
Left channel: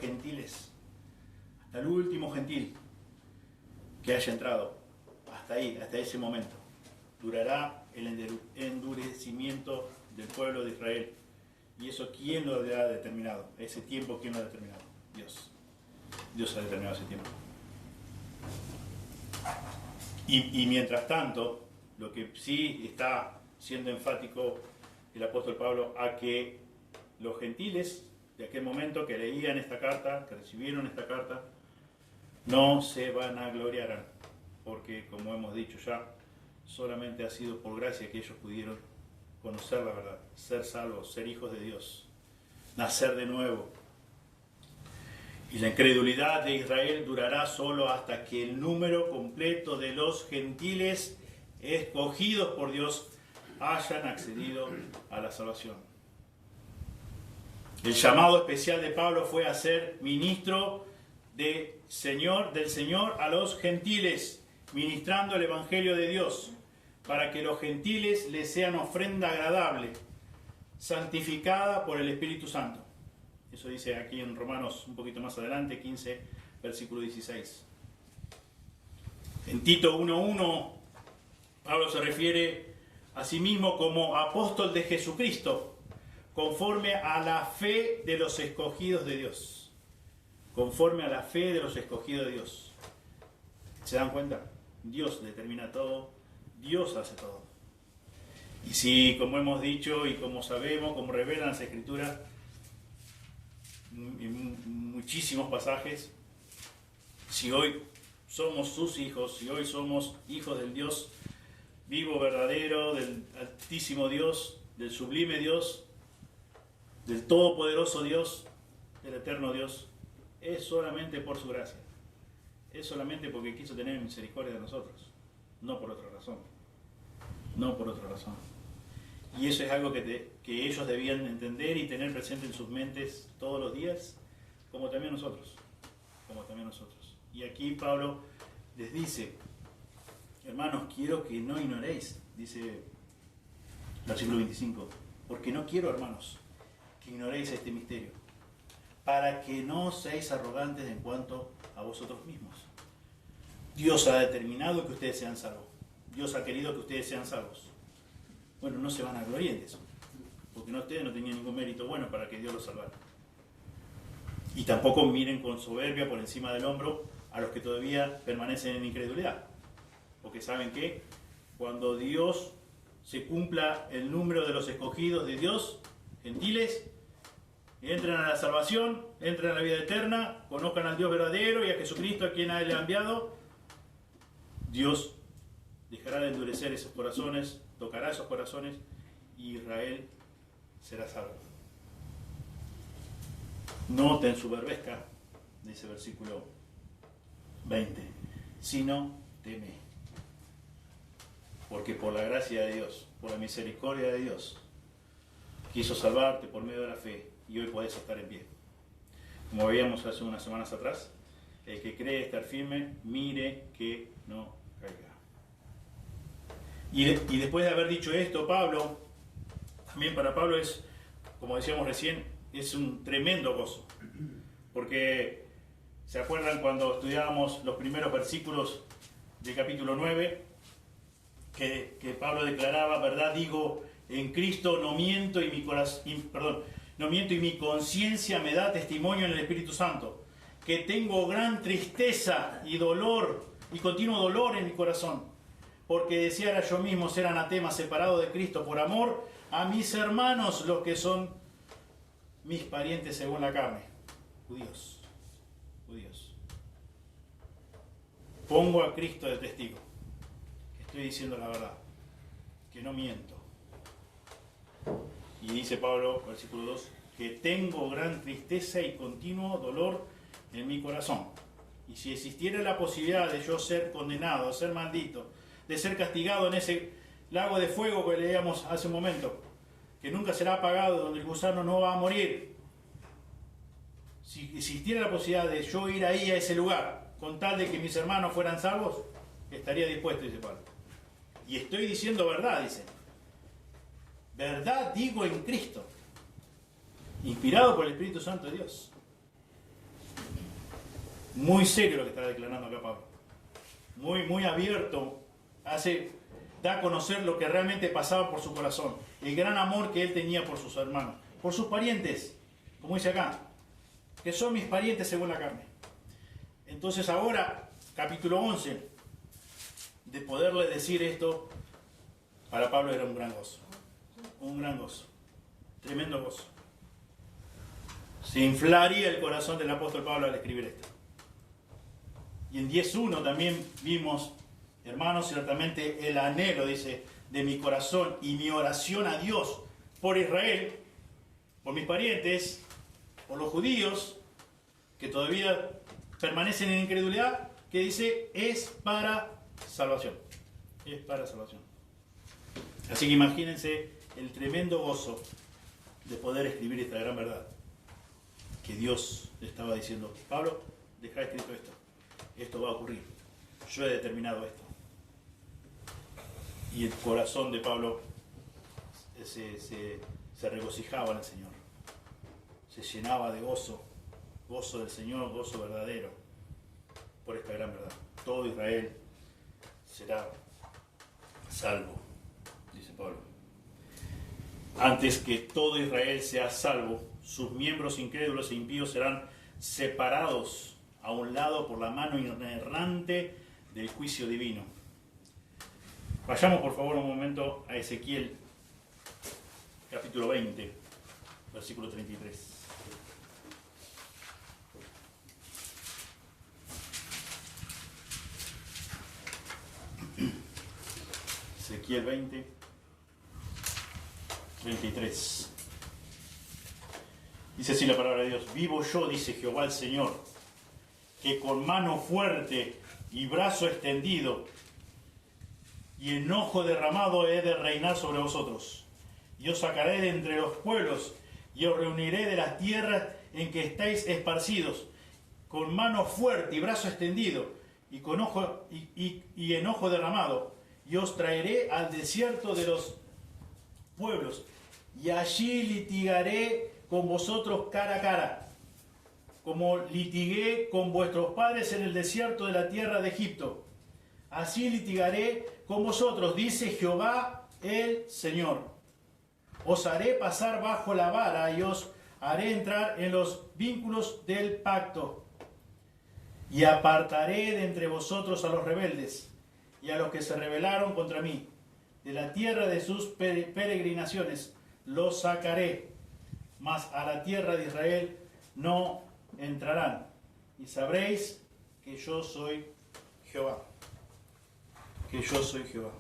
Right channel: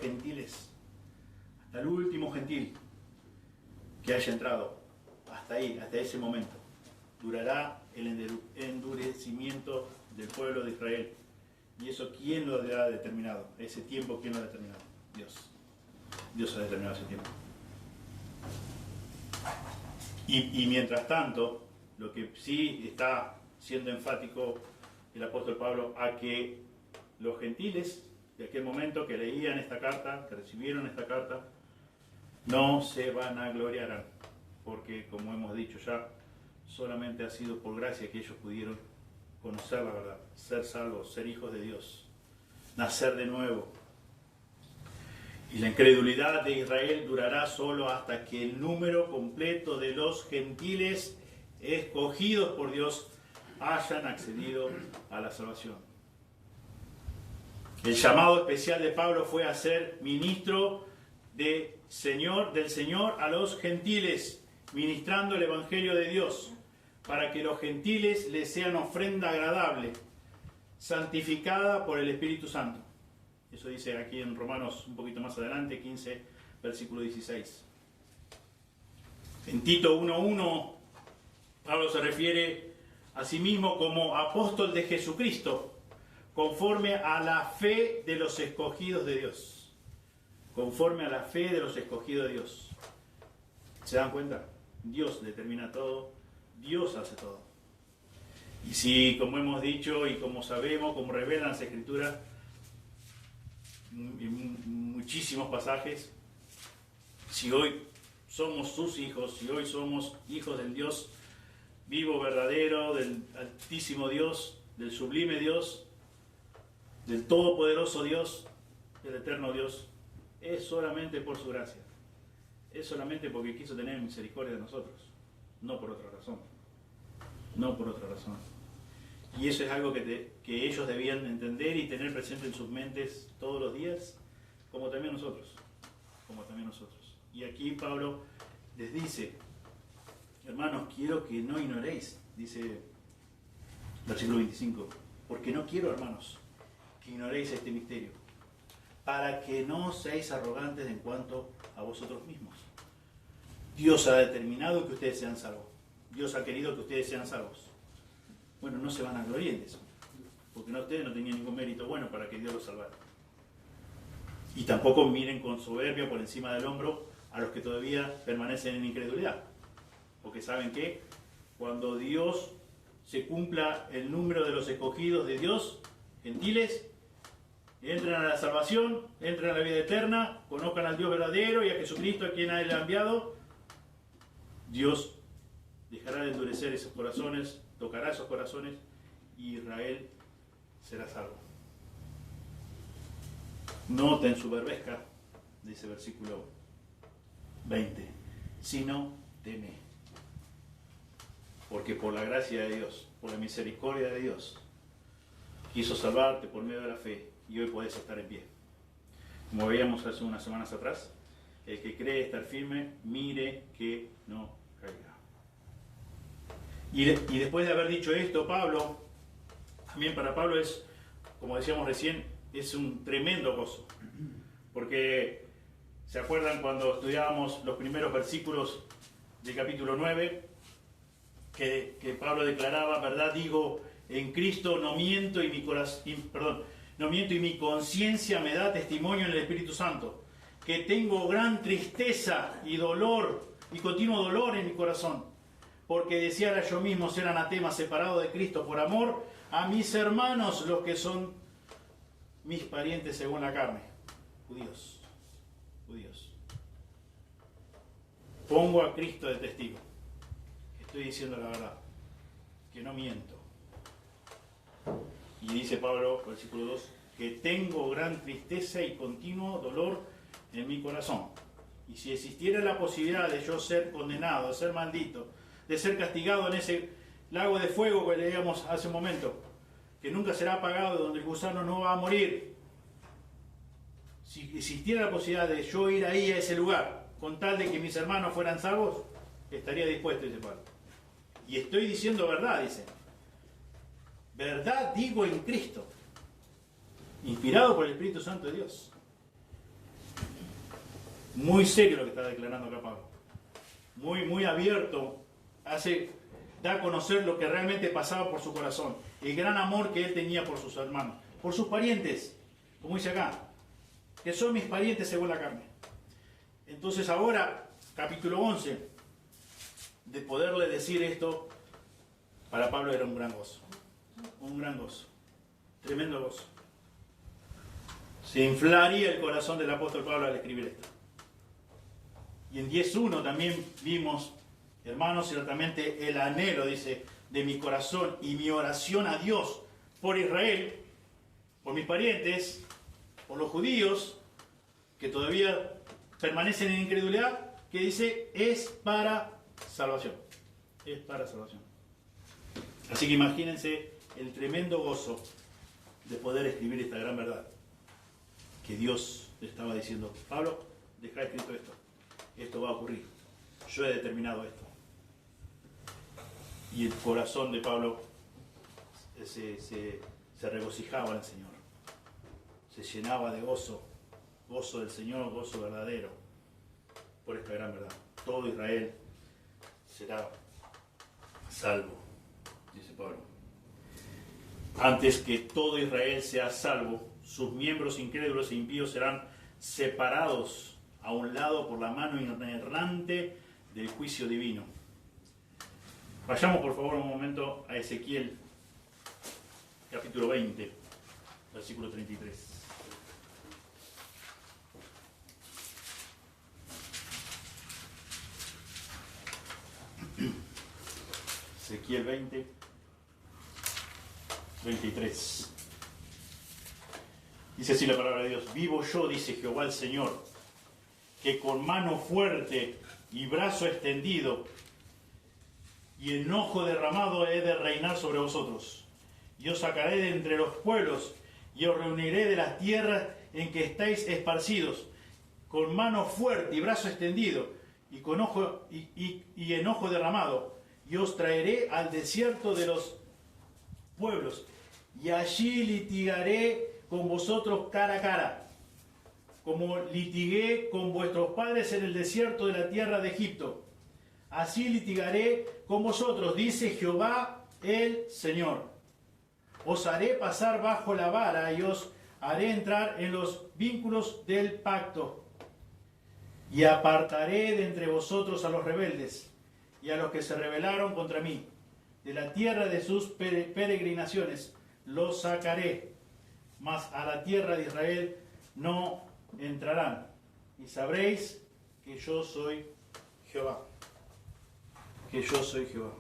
gentiles, hasta el último gentil que haya entrado, hasta ahí, hasta ese momento. Durará el endurecimiento del pueblo de Israel. ¿Y eso quién lo ha determinado? Ese tiempo, ¿quién lo ha determinado? Dios. Dios ha determinado ese tiempo. Y mientras tanto, lo que sí está siendo enfático el apóstol Pablo, a que los gentiles de aquel momento que leían esta carta, que recibieron esta carta, no se vanagloriarán, porque como hemos dicho ya, solamente ha sido por gracia que ellos pudieron conocer la verdad, ser salvos, ser hijos de Dios, nacer de nuevo. Y la incredulidad de Israel durará solo hasta que el número completo de los gentiles escogidos por Dios hayan accedido a la salvación. El llamado especial de Pablo fue a ser ministro del Señor a los gentiles, ministrando el Evangelio de Dios, para que los gentiles les sean ofrenda agradable, santificada por el Espíritu Santo. Eso dice aquí en Romanos un poquito más adelante, 15, versículo 16. En Tito 1:1, Pablo se refiere a sí mismo como apóstol de Jesucristo, conforme a la fe de los escogidos de Dios. Conforme a la fe de los escogidos de Dios. ¿Se dan cuenta? Dios determina todo, Dios hace todo. Y si, como hemos dicho y como sabemos, como revelan las Escrituras, en muchísimos pasajes, si hoy somos sus hijos, si hoy somos hijos del Dios vivo, verdadero, del altísimo Dios, del sublime Dios, del todopoderoso Dios, del eterno Dios, es solamente por su gracia, es solamente porque quiso tener misericordia de nosotros, no por otra razón, no por otra razón. Y eso es algo que ellos debían entender y tener presente en sus mentes todos los días, como también nosotros. Y aquí Pablo les dice, hermanos, quiero que no ignoréis, dice versículo 25, porque no quiero, hermanos, que ignoréis este misterio, para que no seáis arrogantes en cuanto a vosotros mismos. Dios ha determinado que ustedes sean salvos. Dios ha querido que ustedes sean salvos. Bueno, no se van a gloriar de eso, porque ustedes no tenían ningún mérito bueno para que Dios los salvara. Y tampoco miren con soberbia por encima del hombro a los que todavía permanecen en incredulidad, porque saben que cuando Dios se cumpla el número de los escogidos de Dios, gentiles, entren a la salvación, entren a la vida eterna, conozcan al Dios verdadero y a Jesucristo a quien Él ha enviado, Dios dejará de endurecer esos corazones, tocará esos corazones y Israel será salvo. No te ensoberbezca, dice versículo 20, sino teme. Porque por la gracia de Dios, por la misericordia de Dios, quiso salvarte por medio de la fe y hoy puedes estar en pie. Como veíamos hace unas semanas atrás, el que cree estar firme, mire que no caiga. Y después de haber dicho esto, Pablo, también para Pablo es, como decíamos recién, es un tremendo gozo. Porque, ¿se acuerdan cuando estudiábamos los primeros versículos del capítulo 9? Que Pablo declaraba, verdad digo, en Cristo no miento y no miento y mi conciencia me da testimonio en el Espíritu Santo, que tengo gran tristeza y dolor y continuo dolor en mi corazón, porque deseara yo mismo ser anatema, separado de Cristo por amor a mis hermanos, los que son mis parientes según la carne, judíos. Pongo a Cristo de testigo, que estoy diciendo la verdad, que no miento. Y dice Pablo, versículo 2, que tengo gran tristeza y continuo dolor en mi corazón. Y si existiera la posibilidad de yo ser condenado, de ser maldito, de ser castigado en ese lago de fuego que leíamos hace un momento, que nunca será apagado, donde el gusano no va a morir, si existiera la posibilidad de yo ir ahí a ese lugar, con tal de que mis hermanos fueran salvos, estaría dispuesto, dice Pablo. Y estoy diciendo verdad, dice. Verdad digo en Cristo, inspirado por el Espíritu Santo de Dios. Muy serio lo que está declarando acá Pablo. Muy abierto. Da a conocer lo que realmente pasaba por su corazón. El gran amor que él tenía por sus hermanos. Por sus parientes. Como dice acá. Que son mis parientes según la carne. Entonces ahora, capítulo 11. De poderle decir esto, para Pablo era un gran gozo. Un gran gozo. Tremendo gozo. Se inflaría el corazón del apóstol Pablo al escribir esto. Y en 10.1 también vimos, hermanos, ciertamente el anhelo, dice, de mi corazón y mi oración a Dios por Israel, por mis parientes, por los judíos que todavía permanecen en incredulidad, que dice, es para salvación. Es para salvación. Así que imagínense el tremendo gozo de poder escribir esta gran verdad. Que Dios le estaba diciendo, Pablo, deja escrito esto. Esto va a ocurrir. Yo he determinado esto. Y el corazón de Pablo se regocijaba en el Señor. Se llenaba de gozo. Gozo del Señor, gozo verdadero. Por esta gran verdad. Todo Israel será salvo, dice Pablo. Antes que todo Israel sea salvo, sus miembros incrédulos e impíos serán separados a un lado por la mano inerrante del juicio divino. Vayamos por favor un momento a Ezequiel, capítulo 20, versículo 33. Ezequiel 20, 33. Dice así la palabra de Dios. Vivo yo, dice Jehová el Señor, que con mano fuerte y brazo extendido y enojo derramado he de reinar sobre vosotros. Y os sacaré de entre los pueblos y os reuniré de las tierras en que estáis esparcidos, con mano fuerte y brazo extendido y con y enojo derramado. Y os traeré al desierto de los pueblos, y allí litigaré con vosotros cara a cara, como litigué con vuestros padres en el desierto de la tierra de Egipto. Así litigaré con vosotros, dice Jehová el Señor. Os haré pasar bajo la vara y os haré entrar en los vínculos del pacto. Y apartaré de entre vosotros a los rebeldes y a los que se rebelaron contra mí. De la tierra de sus peregrinaciones los sacaré, mas a la tierra de Israel no entrarán. Y sabréis que yo soy Jehová. que yo soy Jehová.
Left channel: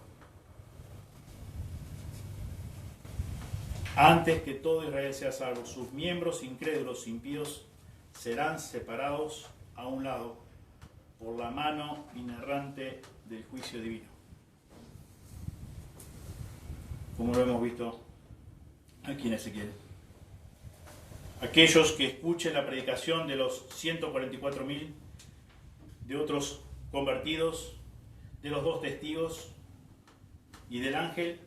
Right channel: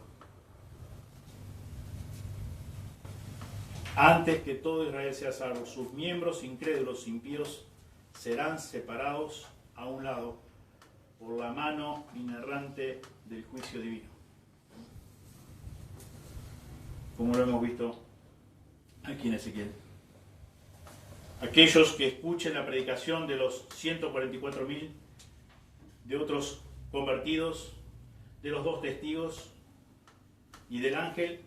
Antes que todo Israel sea salvo, sus miembros incrédulos, impíos, serán separados a un lado por la mano inerrante del juicio divino. Como lo hemos visto aquí en Ezequiel. Aquellos que escuchen la predicación de los 144.000, de otros convertidos, de los 2 testigos y del ángel,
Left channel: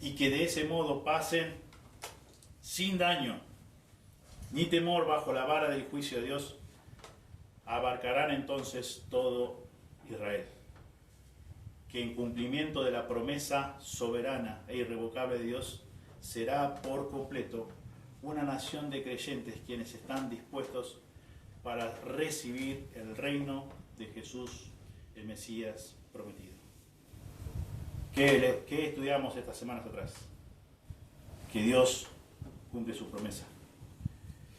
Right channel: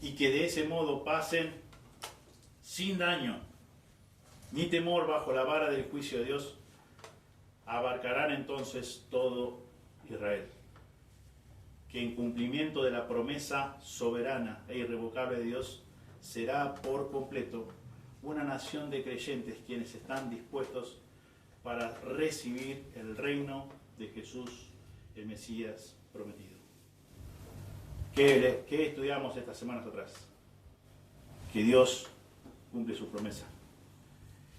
y que de ese modo pasen sin daño ni temor bajo la vara del juicio de Dios, abarcarán entonces todo Israel, que en cumplimiento de la promesa soberana e irrevocable de Dios, será por completo una nación de creyentes quienes están dispuestos para recibir el reino de Jesús, el Mesías prometido. ¿Qué estudiamos estas semanas atrás? Que Dios cumple su promesa,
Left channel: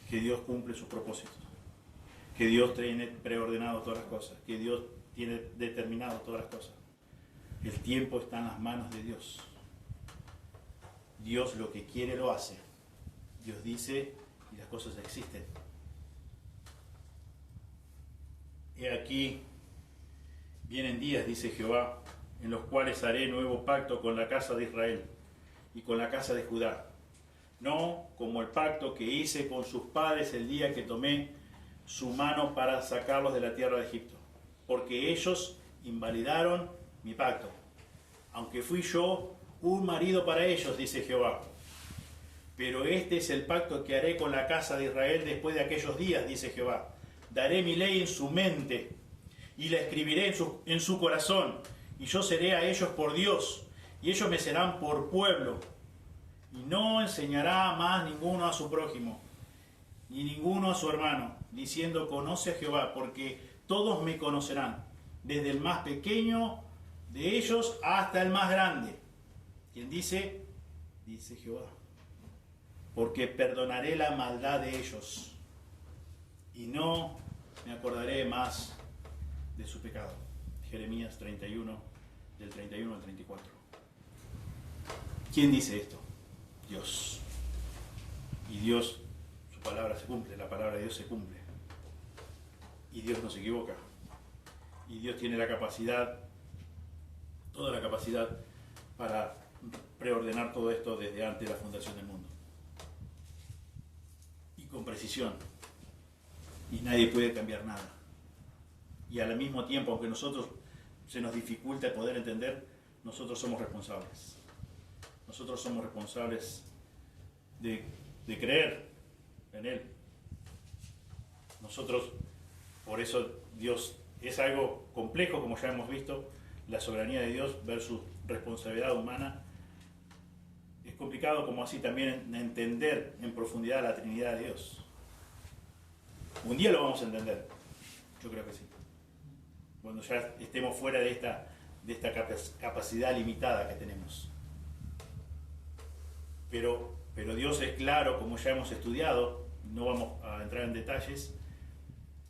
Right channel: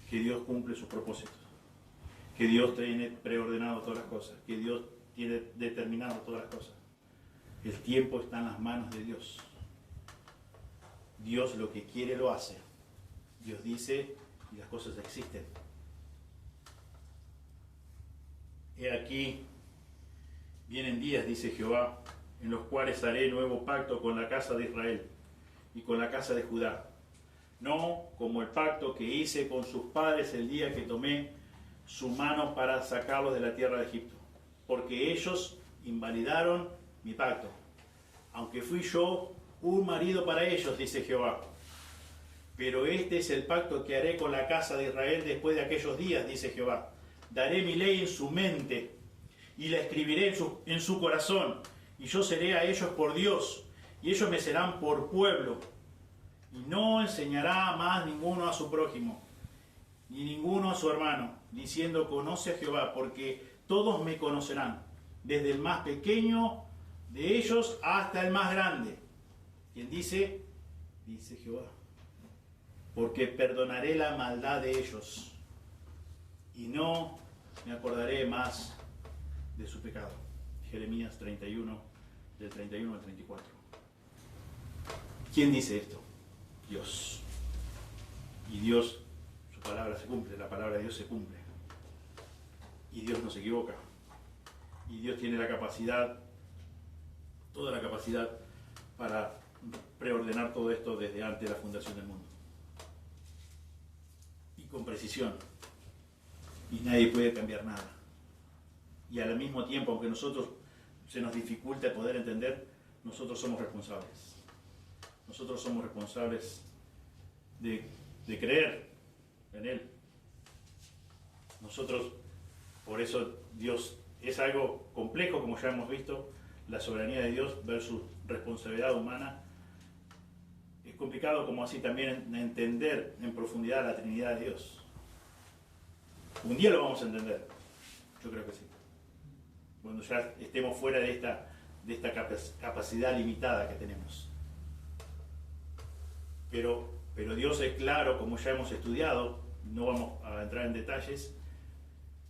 que Dios cumple sus propósitos, que Dios tiene preordenado todas las cosas, que Dios tiene determinado todas las cosas. El tiempo está en las manos de Dios. Dios lo que quiere lo hace. Dios dice y las cosas existen. He aquí, vienen días, dice Jehová, en los cuales haré nuevo pacto con la casa de Israel y con la casa de Judá. No como el pacto que hice con sus padres el día que tomé su mano para sacarlos de la tierra de Egipto, porque ellos invalidaron mi pacto, aunque fui yo un marido para ellos, dice Jehová. Pero este es el pacto que haré con la casa de Israel después de aquellos días, dice Jehová. Daré mi ley en su mente y la escribiré en su corazón, y yo seré a ellos por Dios, y ellos me serán por pueblo. Y no enseñará más ninguno a su prójimo, ni ninguno a su hermano, diciendo, conoce a Jehová, porque todos me conocerán, desde el más pequeño de ellos hasta el más grande. ¿Quién dice? Dice Jehová. Porque perdonaré la maldad de ellos, y no me acordaré más de su pecado. Jeremías 31, del 31 al 34. ¿Quién dice esto? Dios. Y Dios, su palabra se cumple, la palabra de Dios se cumple. Y Dios no se equivoca. Y Dios tiene la capacidad, toda la capacidad para preordenar todo esto desde antes de la fundación del mundo. Y con precisión. Y nadie puede cambiar nada. Y al mismo tiempo, aunque nosotros se nos dificulta poder entender, nosotros somos responsables. Nosotros somos responsables de creer en Él. Nosotros, por eso Dios es algo complejo, como ya hemos visto, la soberanía de Dios versus responsabilidad humana. Es complicado como así también entender en profundidad la Trinidad de Dios. Un día lo vamos a entender, yo creo que sí. Cuando ya estemos fuera de esta capacidad limitada que tenemos. Pero Dios es claro, como ya hemos estudiado, no vamos a entrar en detalles,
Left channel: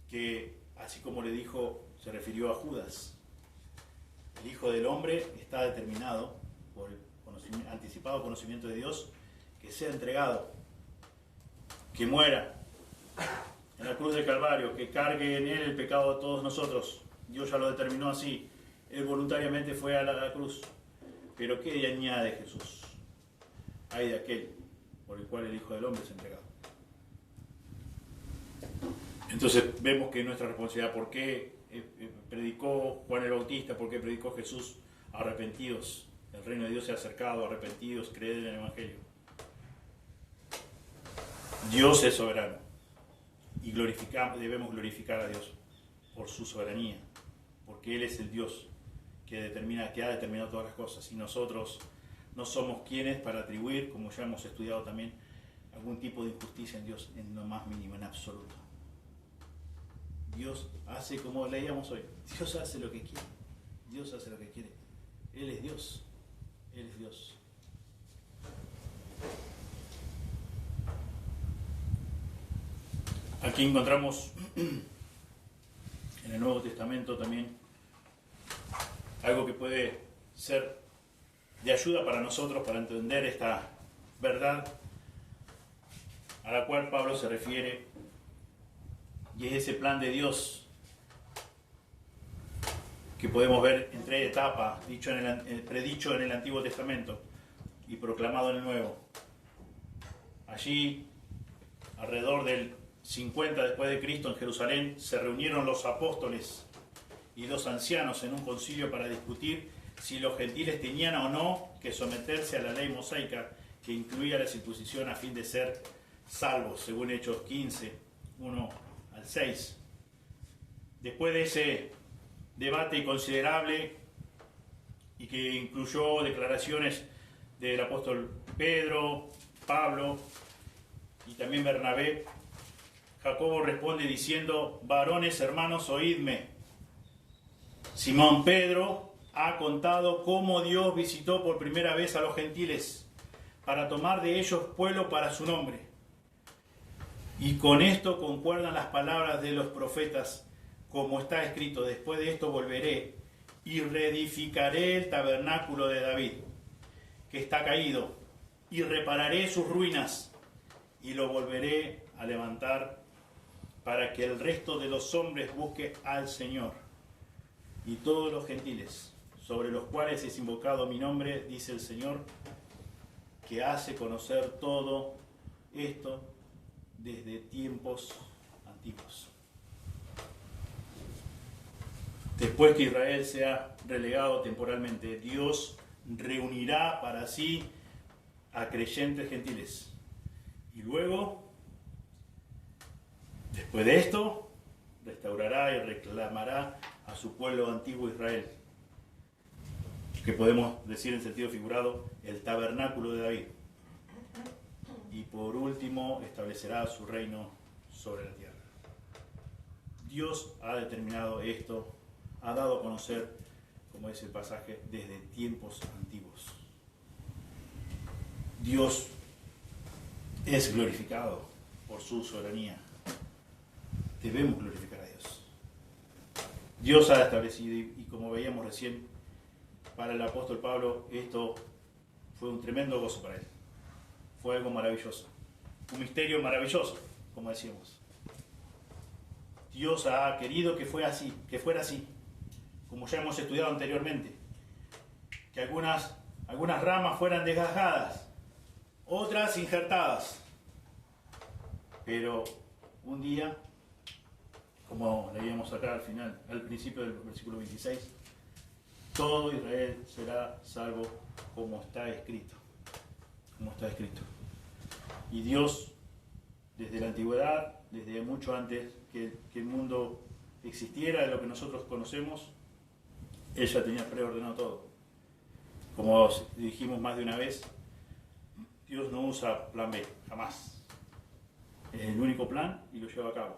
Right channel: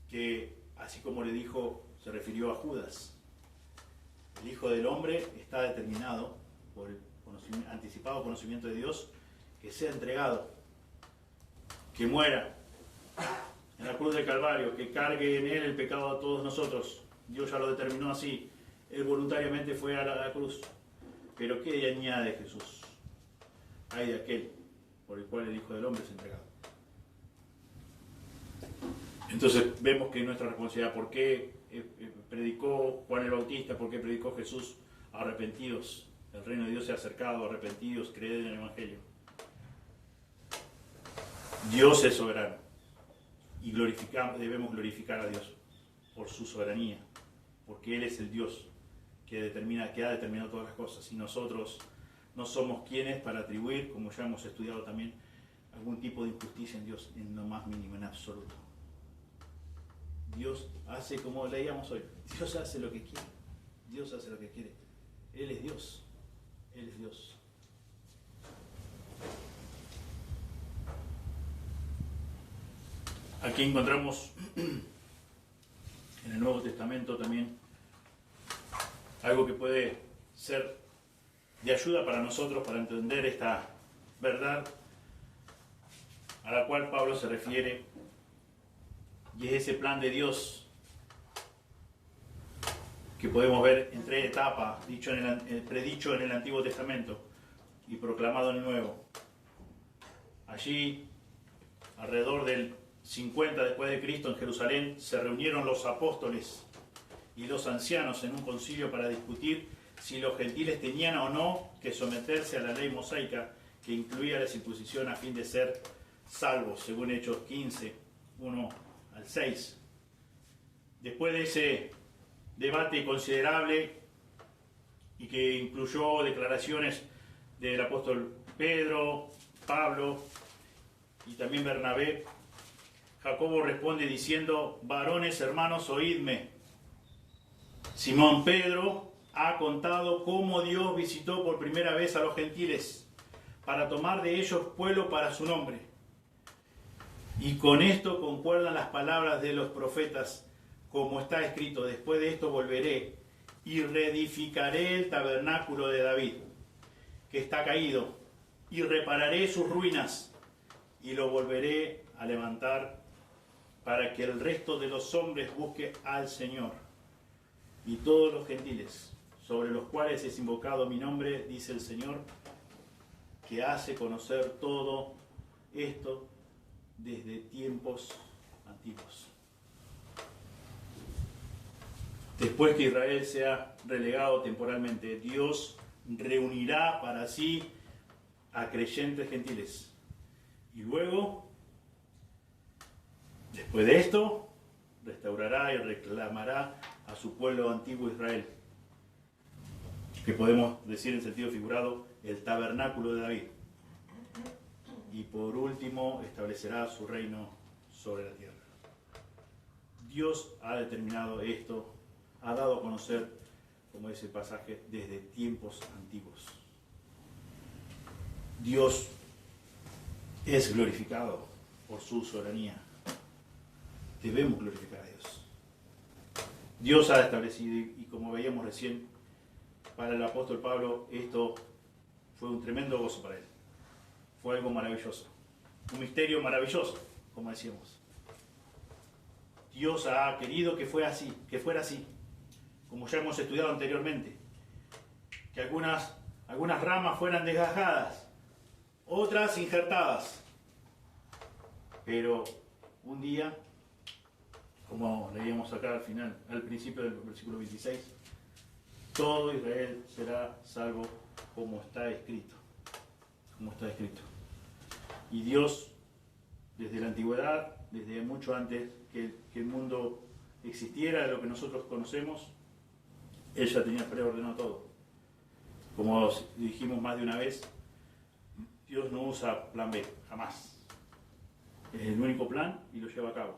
que así como le dijo, se refirió a Judas. El Hijo del Hombre está determinado por el anticipado conocimiento de Dios, que sea entregado, que muera en la cruz del Calvario, que cargue en Él el pecado de todos nosotros. Dios ya lo determinó así. Él voluntariamente fue a la cruz. Pero ¿qué añade Jesús? Hay de aquel por el cual el Hijo del Hombre es entregado. Entonces vemos que nuestra responsabilidad, ¿por qué predicó Juan el Bautista? ¿Por qué predicó Jesús? Arrepentidos. El reino de Dios se ha acercado, arrepentidos, creed en el Evangelio. Dios es soberano. Y debemos glorificar a Dios por su soberanía. Porque Él es el Dios que ha determinado todas las cosas. Y nosotros no somos quienes para atribuir, como ya hemos estudiado también, algún tipo de injusticia en Dios, en lo más mínimo, en absoluto. Dios hace como leíamos hoy. Dios hace lo que quiere. Dios hace lo que quiere. Él es Dios. Él es Dios. Aquí encontramos en el Nuevo Testamento también algo que puede ser de ayuda para nosotros para entender esta verdad a la cual Pablo se refiere, y es ese plan de Dios que podemos ver en 3 etapas, predicho en el Antiguo Testamento y proclamado en el Nuevo. Allí, alrededor del 50 después de Cristo, en Jerusalén, se reunieron los apóstoles y los ancianos en un concilio para discutir si los gentiles tenían o no que someterse a la ley mosaica que incluía la circuncisión a fin de ser salvos, según Hechos 15, 1 al 6. Después de ese debate considerable y que incluyó declaraciones del apóstol Pedro, Pablo y también Bernabé, Jacobo responde diciendo: varones hermanos, oídme. Simón Pedro ha contado cómo Dios visitó por primera vez a los gentiles para tomar de ellos pueblo para su nombre. Y con esto concuerdan las palabras de los profetas, como está escrito: después de esto volveré y reedificaré el tabernáculo de David, que está caído, y repararé sus ruinas, y lo volveré a levantar, para que el resto de los hombres busque al Señor. Y todos los gentiles, sobre los cuales es invocado mi nombre, dice el Señor, que hace conocer todo esto desde tiempos antiguos. Después que Israel sea relegado temporalmente, Dios reunirá para sí a creyentes gentiles. Y luego, después de esto, restaurará y reclamará a su pueblo antiguo Israel, que podemos decir en sentido figurado, el tabernáculo de David. Y por último, establecerá su reino sobre la tierra. Dios ha determinado esto, ha dado a conocer, como dice el pasaje, desde tiempos antiguos. Dios es glorificado por su soberanía. Debemos glorificar a Dios. Dios ha establecido, y como veíamos recién, para el apóstol Pablo, esto fue un tremendo gozo para él. Fue algo maravilloso. Un misterio maravilloso, como decíamos. Dios ha querido que fuera así, como ya hemos estudiado anteriormente. Que algunas ramas fueran desgajadas, otras injertadas. Pero un día, como leíamos acá al principio del versículo 26, todo Israel será salvo como está escrito. Como está escrito. Y Dios, desde la antigüedad, desde mucho antes que el mundo existiera, lo que nosotros conocemos, Él ya tenía preordenado todo. Como dijimos más de una vez, Dios no usa plan B, jamás. Es el único plan y lo lleva a cabo.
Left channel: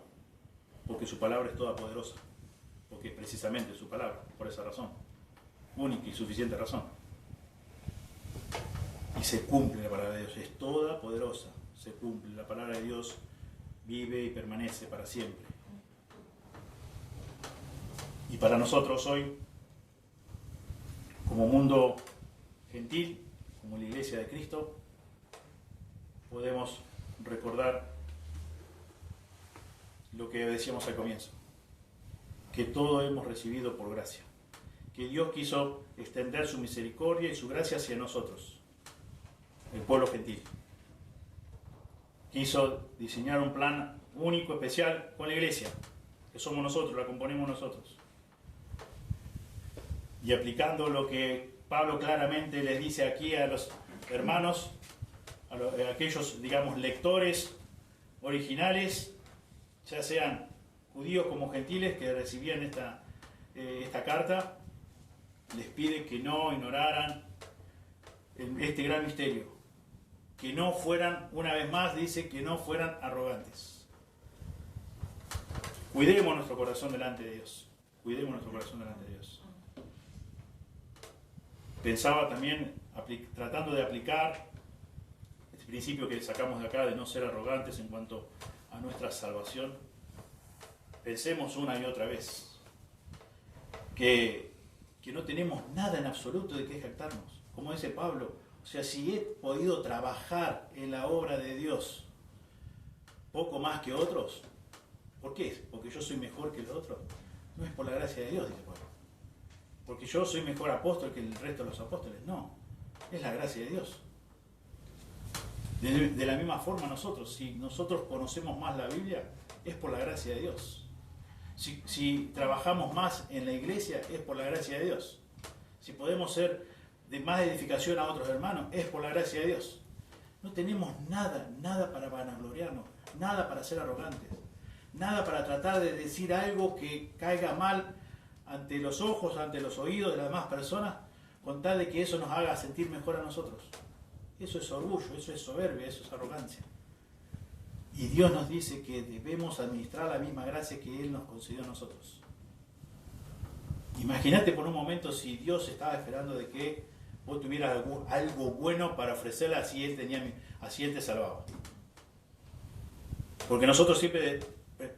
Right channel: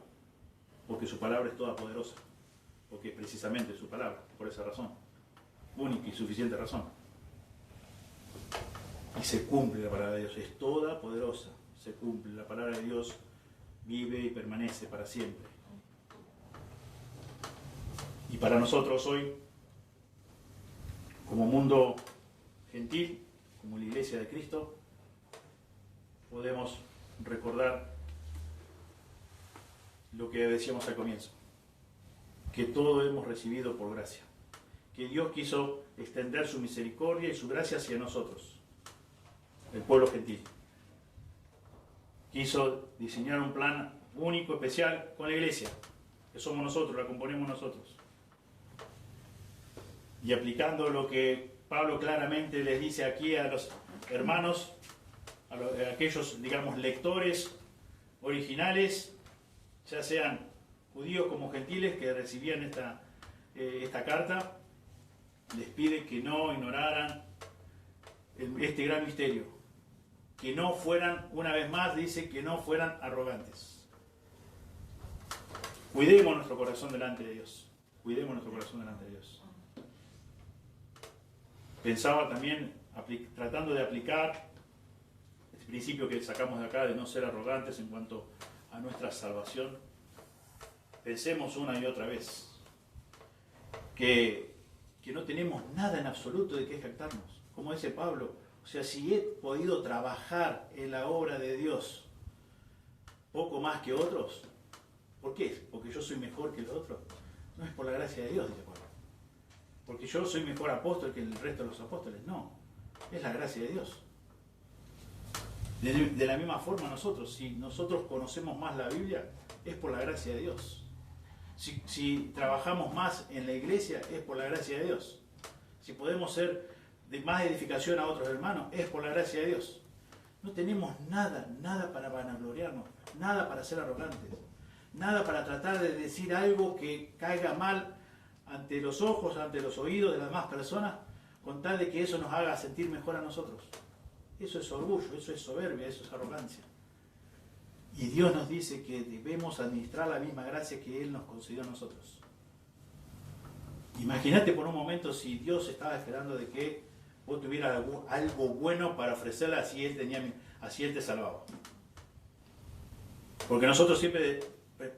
Porque su palabra es toda poderosa. Porque es precisamente su palabra, por esa razón. Única y suficiente razón. Y se cumple la palabra de Dios, es toda poderosa. Se cumple, la palabra de Dios vive y permanece para siempre. Y para nosotros hoy, como mundo gentil, como la Iglesia de Cristo, podemos recordar lo que decíamos al comienzo, que todo hemos recibido por gracia, que Dios quiso extender su misericordia y su gracia hacia nosotros, el pueblo gentil. Quiso diseñar un plan único, especial con la Iglesia, que somos nosotros, la componemos nosotros. Y aplicando lo que Pablo claramente les dice aquí a los hermanos, a aquellos, digamos, lectores originales, ya sean judíos como gentiles que recibían esta carta, les pide que no ignoraran este gran misterio, que no fueran, una vez más dice, que no fueran arrogantes. Cuidemos nuestro corazón delante de Dios. Cuidemos nuestro corazón delante de Dios. Pensaba también, tratando de aplicar este principio que sacamos de acá, de no ser arrogantes en cuanto a nuestra salvación, pensemos una y otra vez que que no tenemos nada en absoluto de qué jactarnos. Como dice Pablo, o sea, si he podido trabajar en la obra de Dios poco más que otros, ¿por qué? ¿Porque yo soy mejor que los otros? No es por la gracia de Dios, dice Pablo. Porque yo soy mejor apóstol que el resto de los apóstoles. No, es la gracia de Dios. De la misma forma nosotros, si nosotros conocemos más la Biblia, es por la gracia de Dios. Si trabajamos más en la iglesia, es por la gracia de Dios. Si podemos ser de más edificación a otros hermanos, es por la gracia de Dios. No tenemos nada para vanagloriarnos, nada para ser arrogantes, nada para tratar de decir algo que caiga mal ante los ojos, ante los oídos de las demás personas, con tal de que eso nos haga sentir mejor a nosotros. Eso es orgullo, eso es soberbia, eso es arrogancia. Y Dios nos dice que debemos administrar la misma gracia que Él nos concedió a nosotros. Imagínate por un momento si Dios estaba esperando de que vos tuvieras algo bueno para ofrecerle, así Él te salvaba. Porque nosotros siempre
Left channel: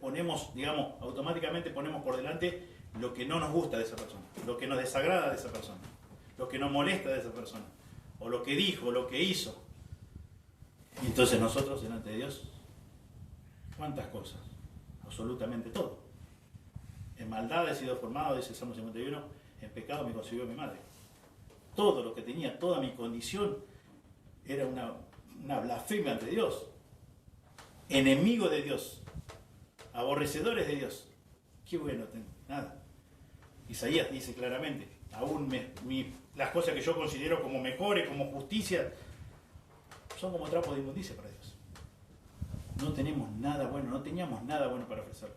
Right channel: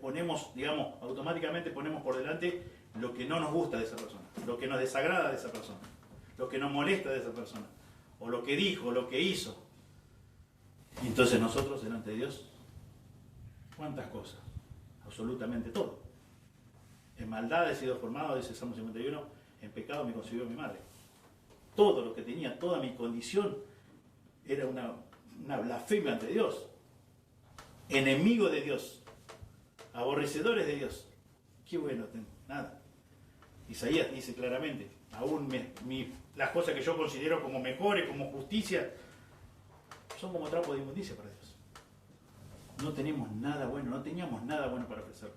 ponemos, digamos, automáticamente ponemos por delante lo que no nos gusta de esa persona, lo que nos desagrada de esa persona, lo que nos molesta de esa persona, o lo que dijo, o lo que hizo. Y entonces nosotros, delante de Dios, ¿cuántas cosas? Absolutamente todo. En maldad he sido formado, dice Salmo 51, en pecado me concibió mi madre. Todo lo que tenía, toda mi condición, era una blasfemia ante Dios. Enemigo de Dios. Aborrecedores de Dios. Qué bueno tengo, nada. Isaías dice claramente, aún las cosas que yo considero como mejores, como justicia, son como trapo de inmundicia para Dios. No tenemos nada bueno, no teníamos nada bueno para ofrecerle.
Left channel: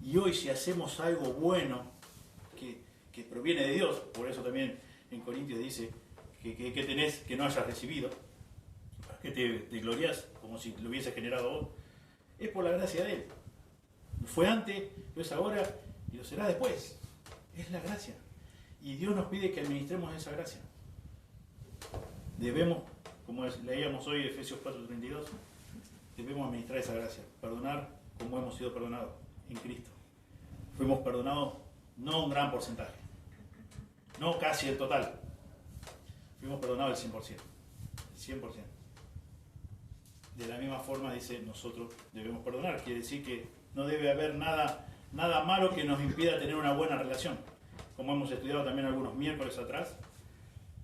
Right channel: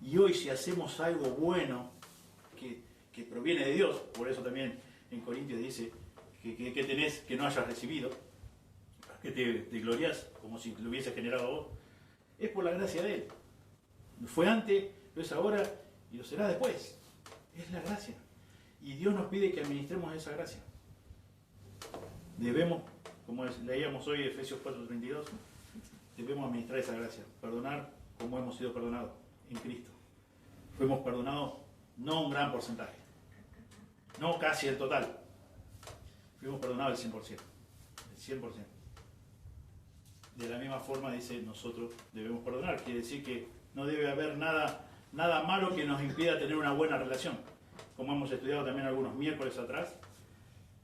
Y hoy si hacemos algo bueno que proviene de Dios, por eso también en Corintios dice que tenés que no hayas recibido, que te glorias como si lo hubiese generado a vos, es por la gracia de Él. Fue antes, lo es ahora y lo será después. Es la gracia. Y Dios nos pide que administremos esa gracia. Debemos, como leíamos hoy Efesios 4:32, debemos administrar esa gracia. Perdonar como hemos sido perdonados en Cristo. Fuimos perdonados no un gran porcentaje, no casi el total. Fuimos perdonados el 100%. El 100%. De la misma forma dice, nosotros debemos perdonar. Quiere decir que no debe haber nada malo que nos impida tener una buena relación. Como hemos estudiado también algunos miércoles atrás,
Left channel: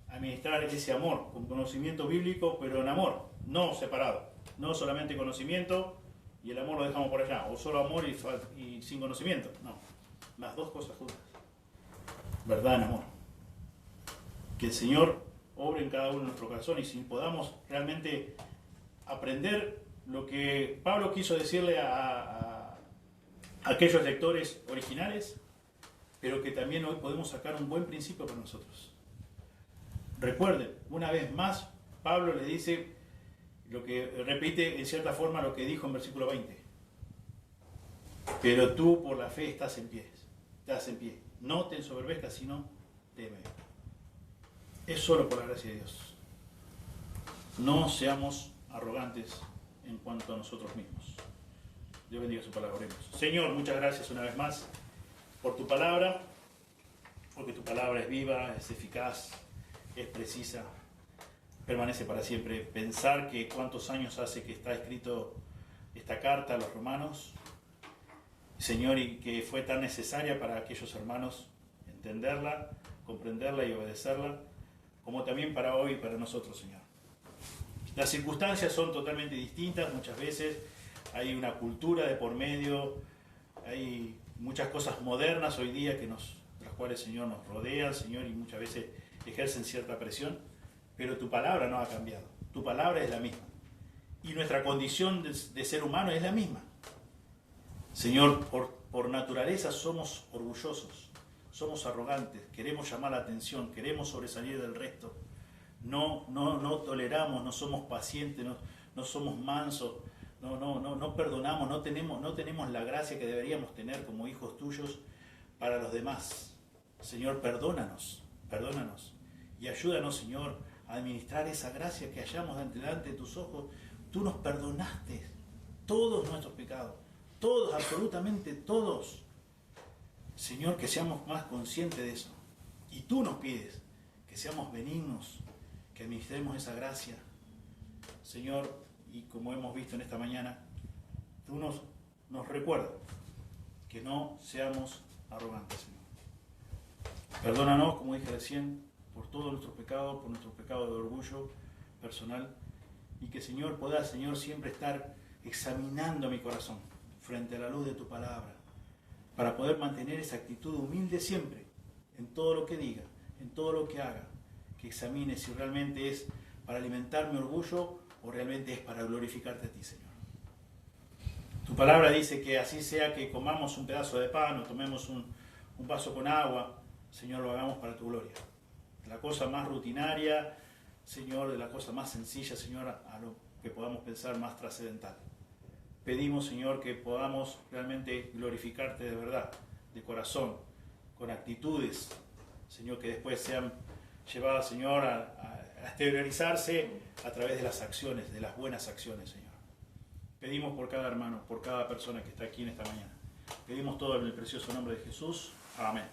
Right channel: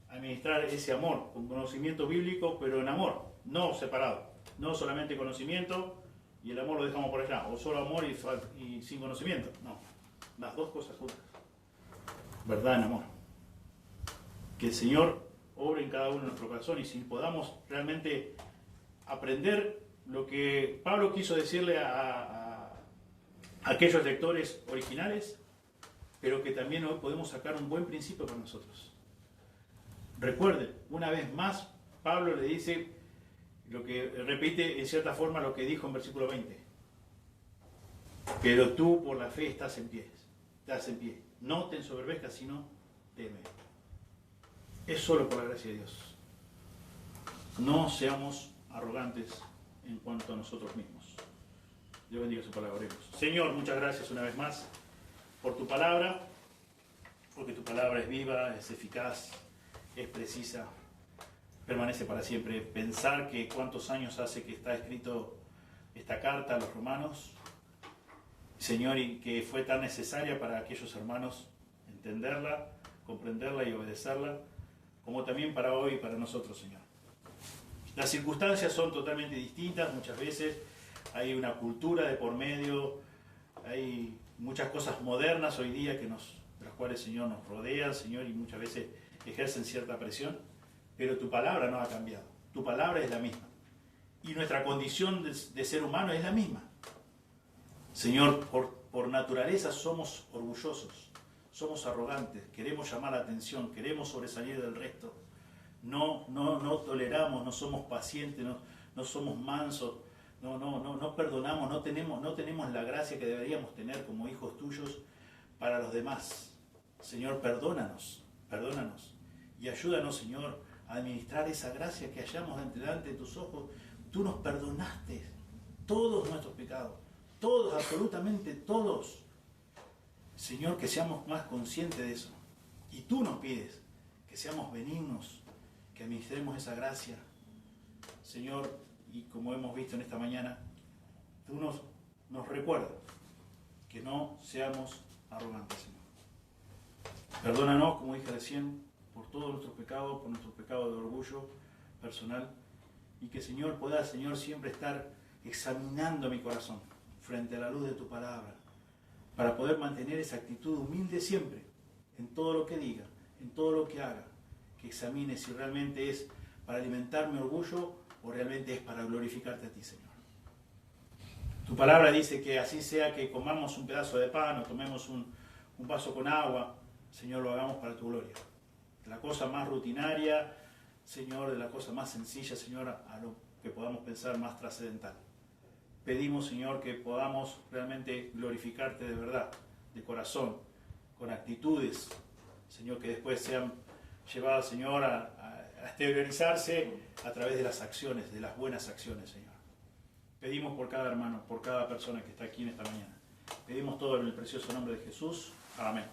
administrar ese amor, con conocimiento bíblico, pero en amor, no separado. No solamente conocimiento y el amor lo dejamos por allá, o solo amor y sin conocimiento. No, las dos cosas juntas. Verdad en amor. Que el Señor obre en cada uno de nuestro corazón y si podamos realmente aprender lo que Pablo quiso decirle a aquellos lectores originales, pero que también hoy podemos sacar un buen principio para nosotros. Recuerden, una vez más, Pablo le dice, lo que repite en cierta forma lo que dijo en versículo 20. Pero tú por la fe estás en pie. No te ensoberbezcas, sino teme. Es solo por la gracia de Dios. No seamos arrogantes en cuanto a nosotros mismos. Dios bendiga su palabra. Oremos. Señor, muchas gracias una vez más por tu palabra, porque tu palabra es viva, es eficaz, es precisa, permanece para siempre. Pensar que cuántos años hace que está escrito esta carta a los romanos, Señor, y que fue tan necesaria para aquellos hermanos entenderla, comprenderla y obedecerla, como también para hoy y para nosotros, Señor. Las circunstancias son totalmente distintas, muchas veces hay una cultura de por medio, hay muchas cosas modernas hoy día de las cuales, Señor, nos rodean, Señor, y muchas veces ejercen cierta presión, pero tu palabra no ha cambiado, tu palabra es la misma, y nuestra condición de ser humano es la misma. Señor, por naturaleza somos orgullosos, somos arrogantes, queremos llamar la atención, queremos sobresalir del resto, no toleramos, no somos pacientes, no somos mansos, no perdonamos, no tenemos la gracia que deberíamos tener como hijos tuyos para los demás. Señor, perdónanos y ayúdanos, Señor, a administrar esa gracia que hallamos delante de tus ojos. Tú nos perdonaste todos nuestros pecados, todos, absolutamente todos. Señor, que seamos más conscientes de eso, Y tú nos pides que seamos benignos, que administremos esa gracia. Señor, y como hemos visto en esta mañana, tú nos recuerdas que no seamos arrogantes, Señor. Perdónanos, como dije recién, por todos nuestros pecados, por nuestro pecado de orgullo personal, y que, Señor, pueda, Señor, siempre estar examinando mi corazón frente a la luz de tu palabra, para poder mantener esa actitud humilde siempre, en todo lo que diga, en todo lo que haga, que examine si realmente es para alimentar mi orgullo o realmente es para glorificarte a ti, Señor. Tu palabra dice que así sea que comamos un pedazo de pan o tomemos un vaso con agua, Señor, lo hagamos para tu gloria. De la cosa más rutinaria, Señor, de la cosa más sencilla, Señor, a lo que podamos pensar más trascendental. Pedimos, Señor, que podamos realmente glorificarte de verdad, de corazón, con actitudes, Señor, que después sean llevadas, Señor, a exteriorizarse a través de las acciones, de las buenas acciones, Señor. Pedimos por cada hermano, por cada persona que está aquí en esta mañana. Pedimos todo en el precioso nombre de Jesús. Amén.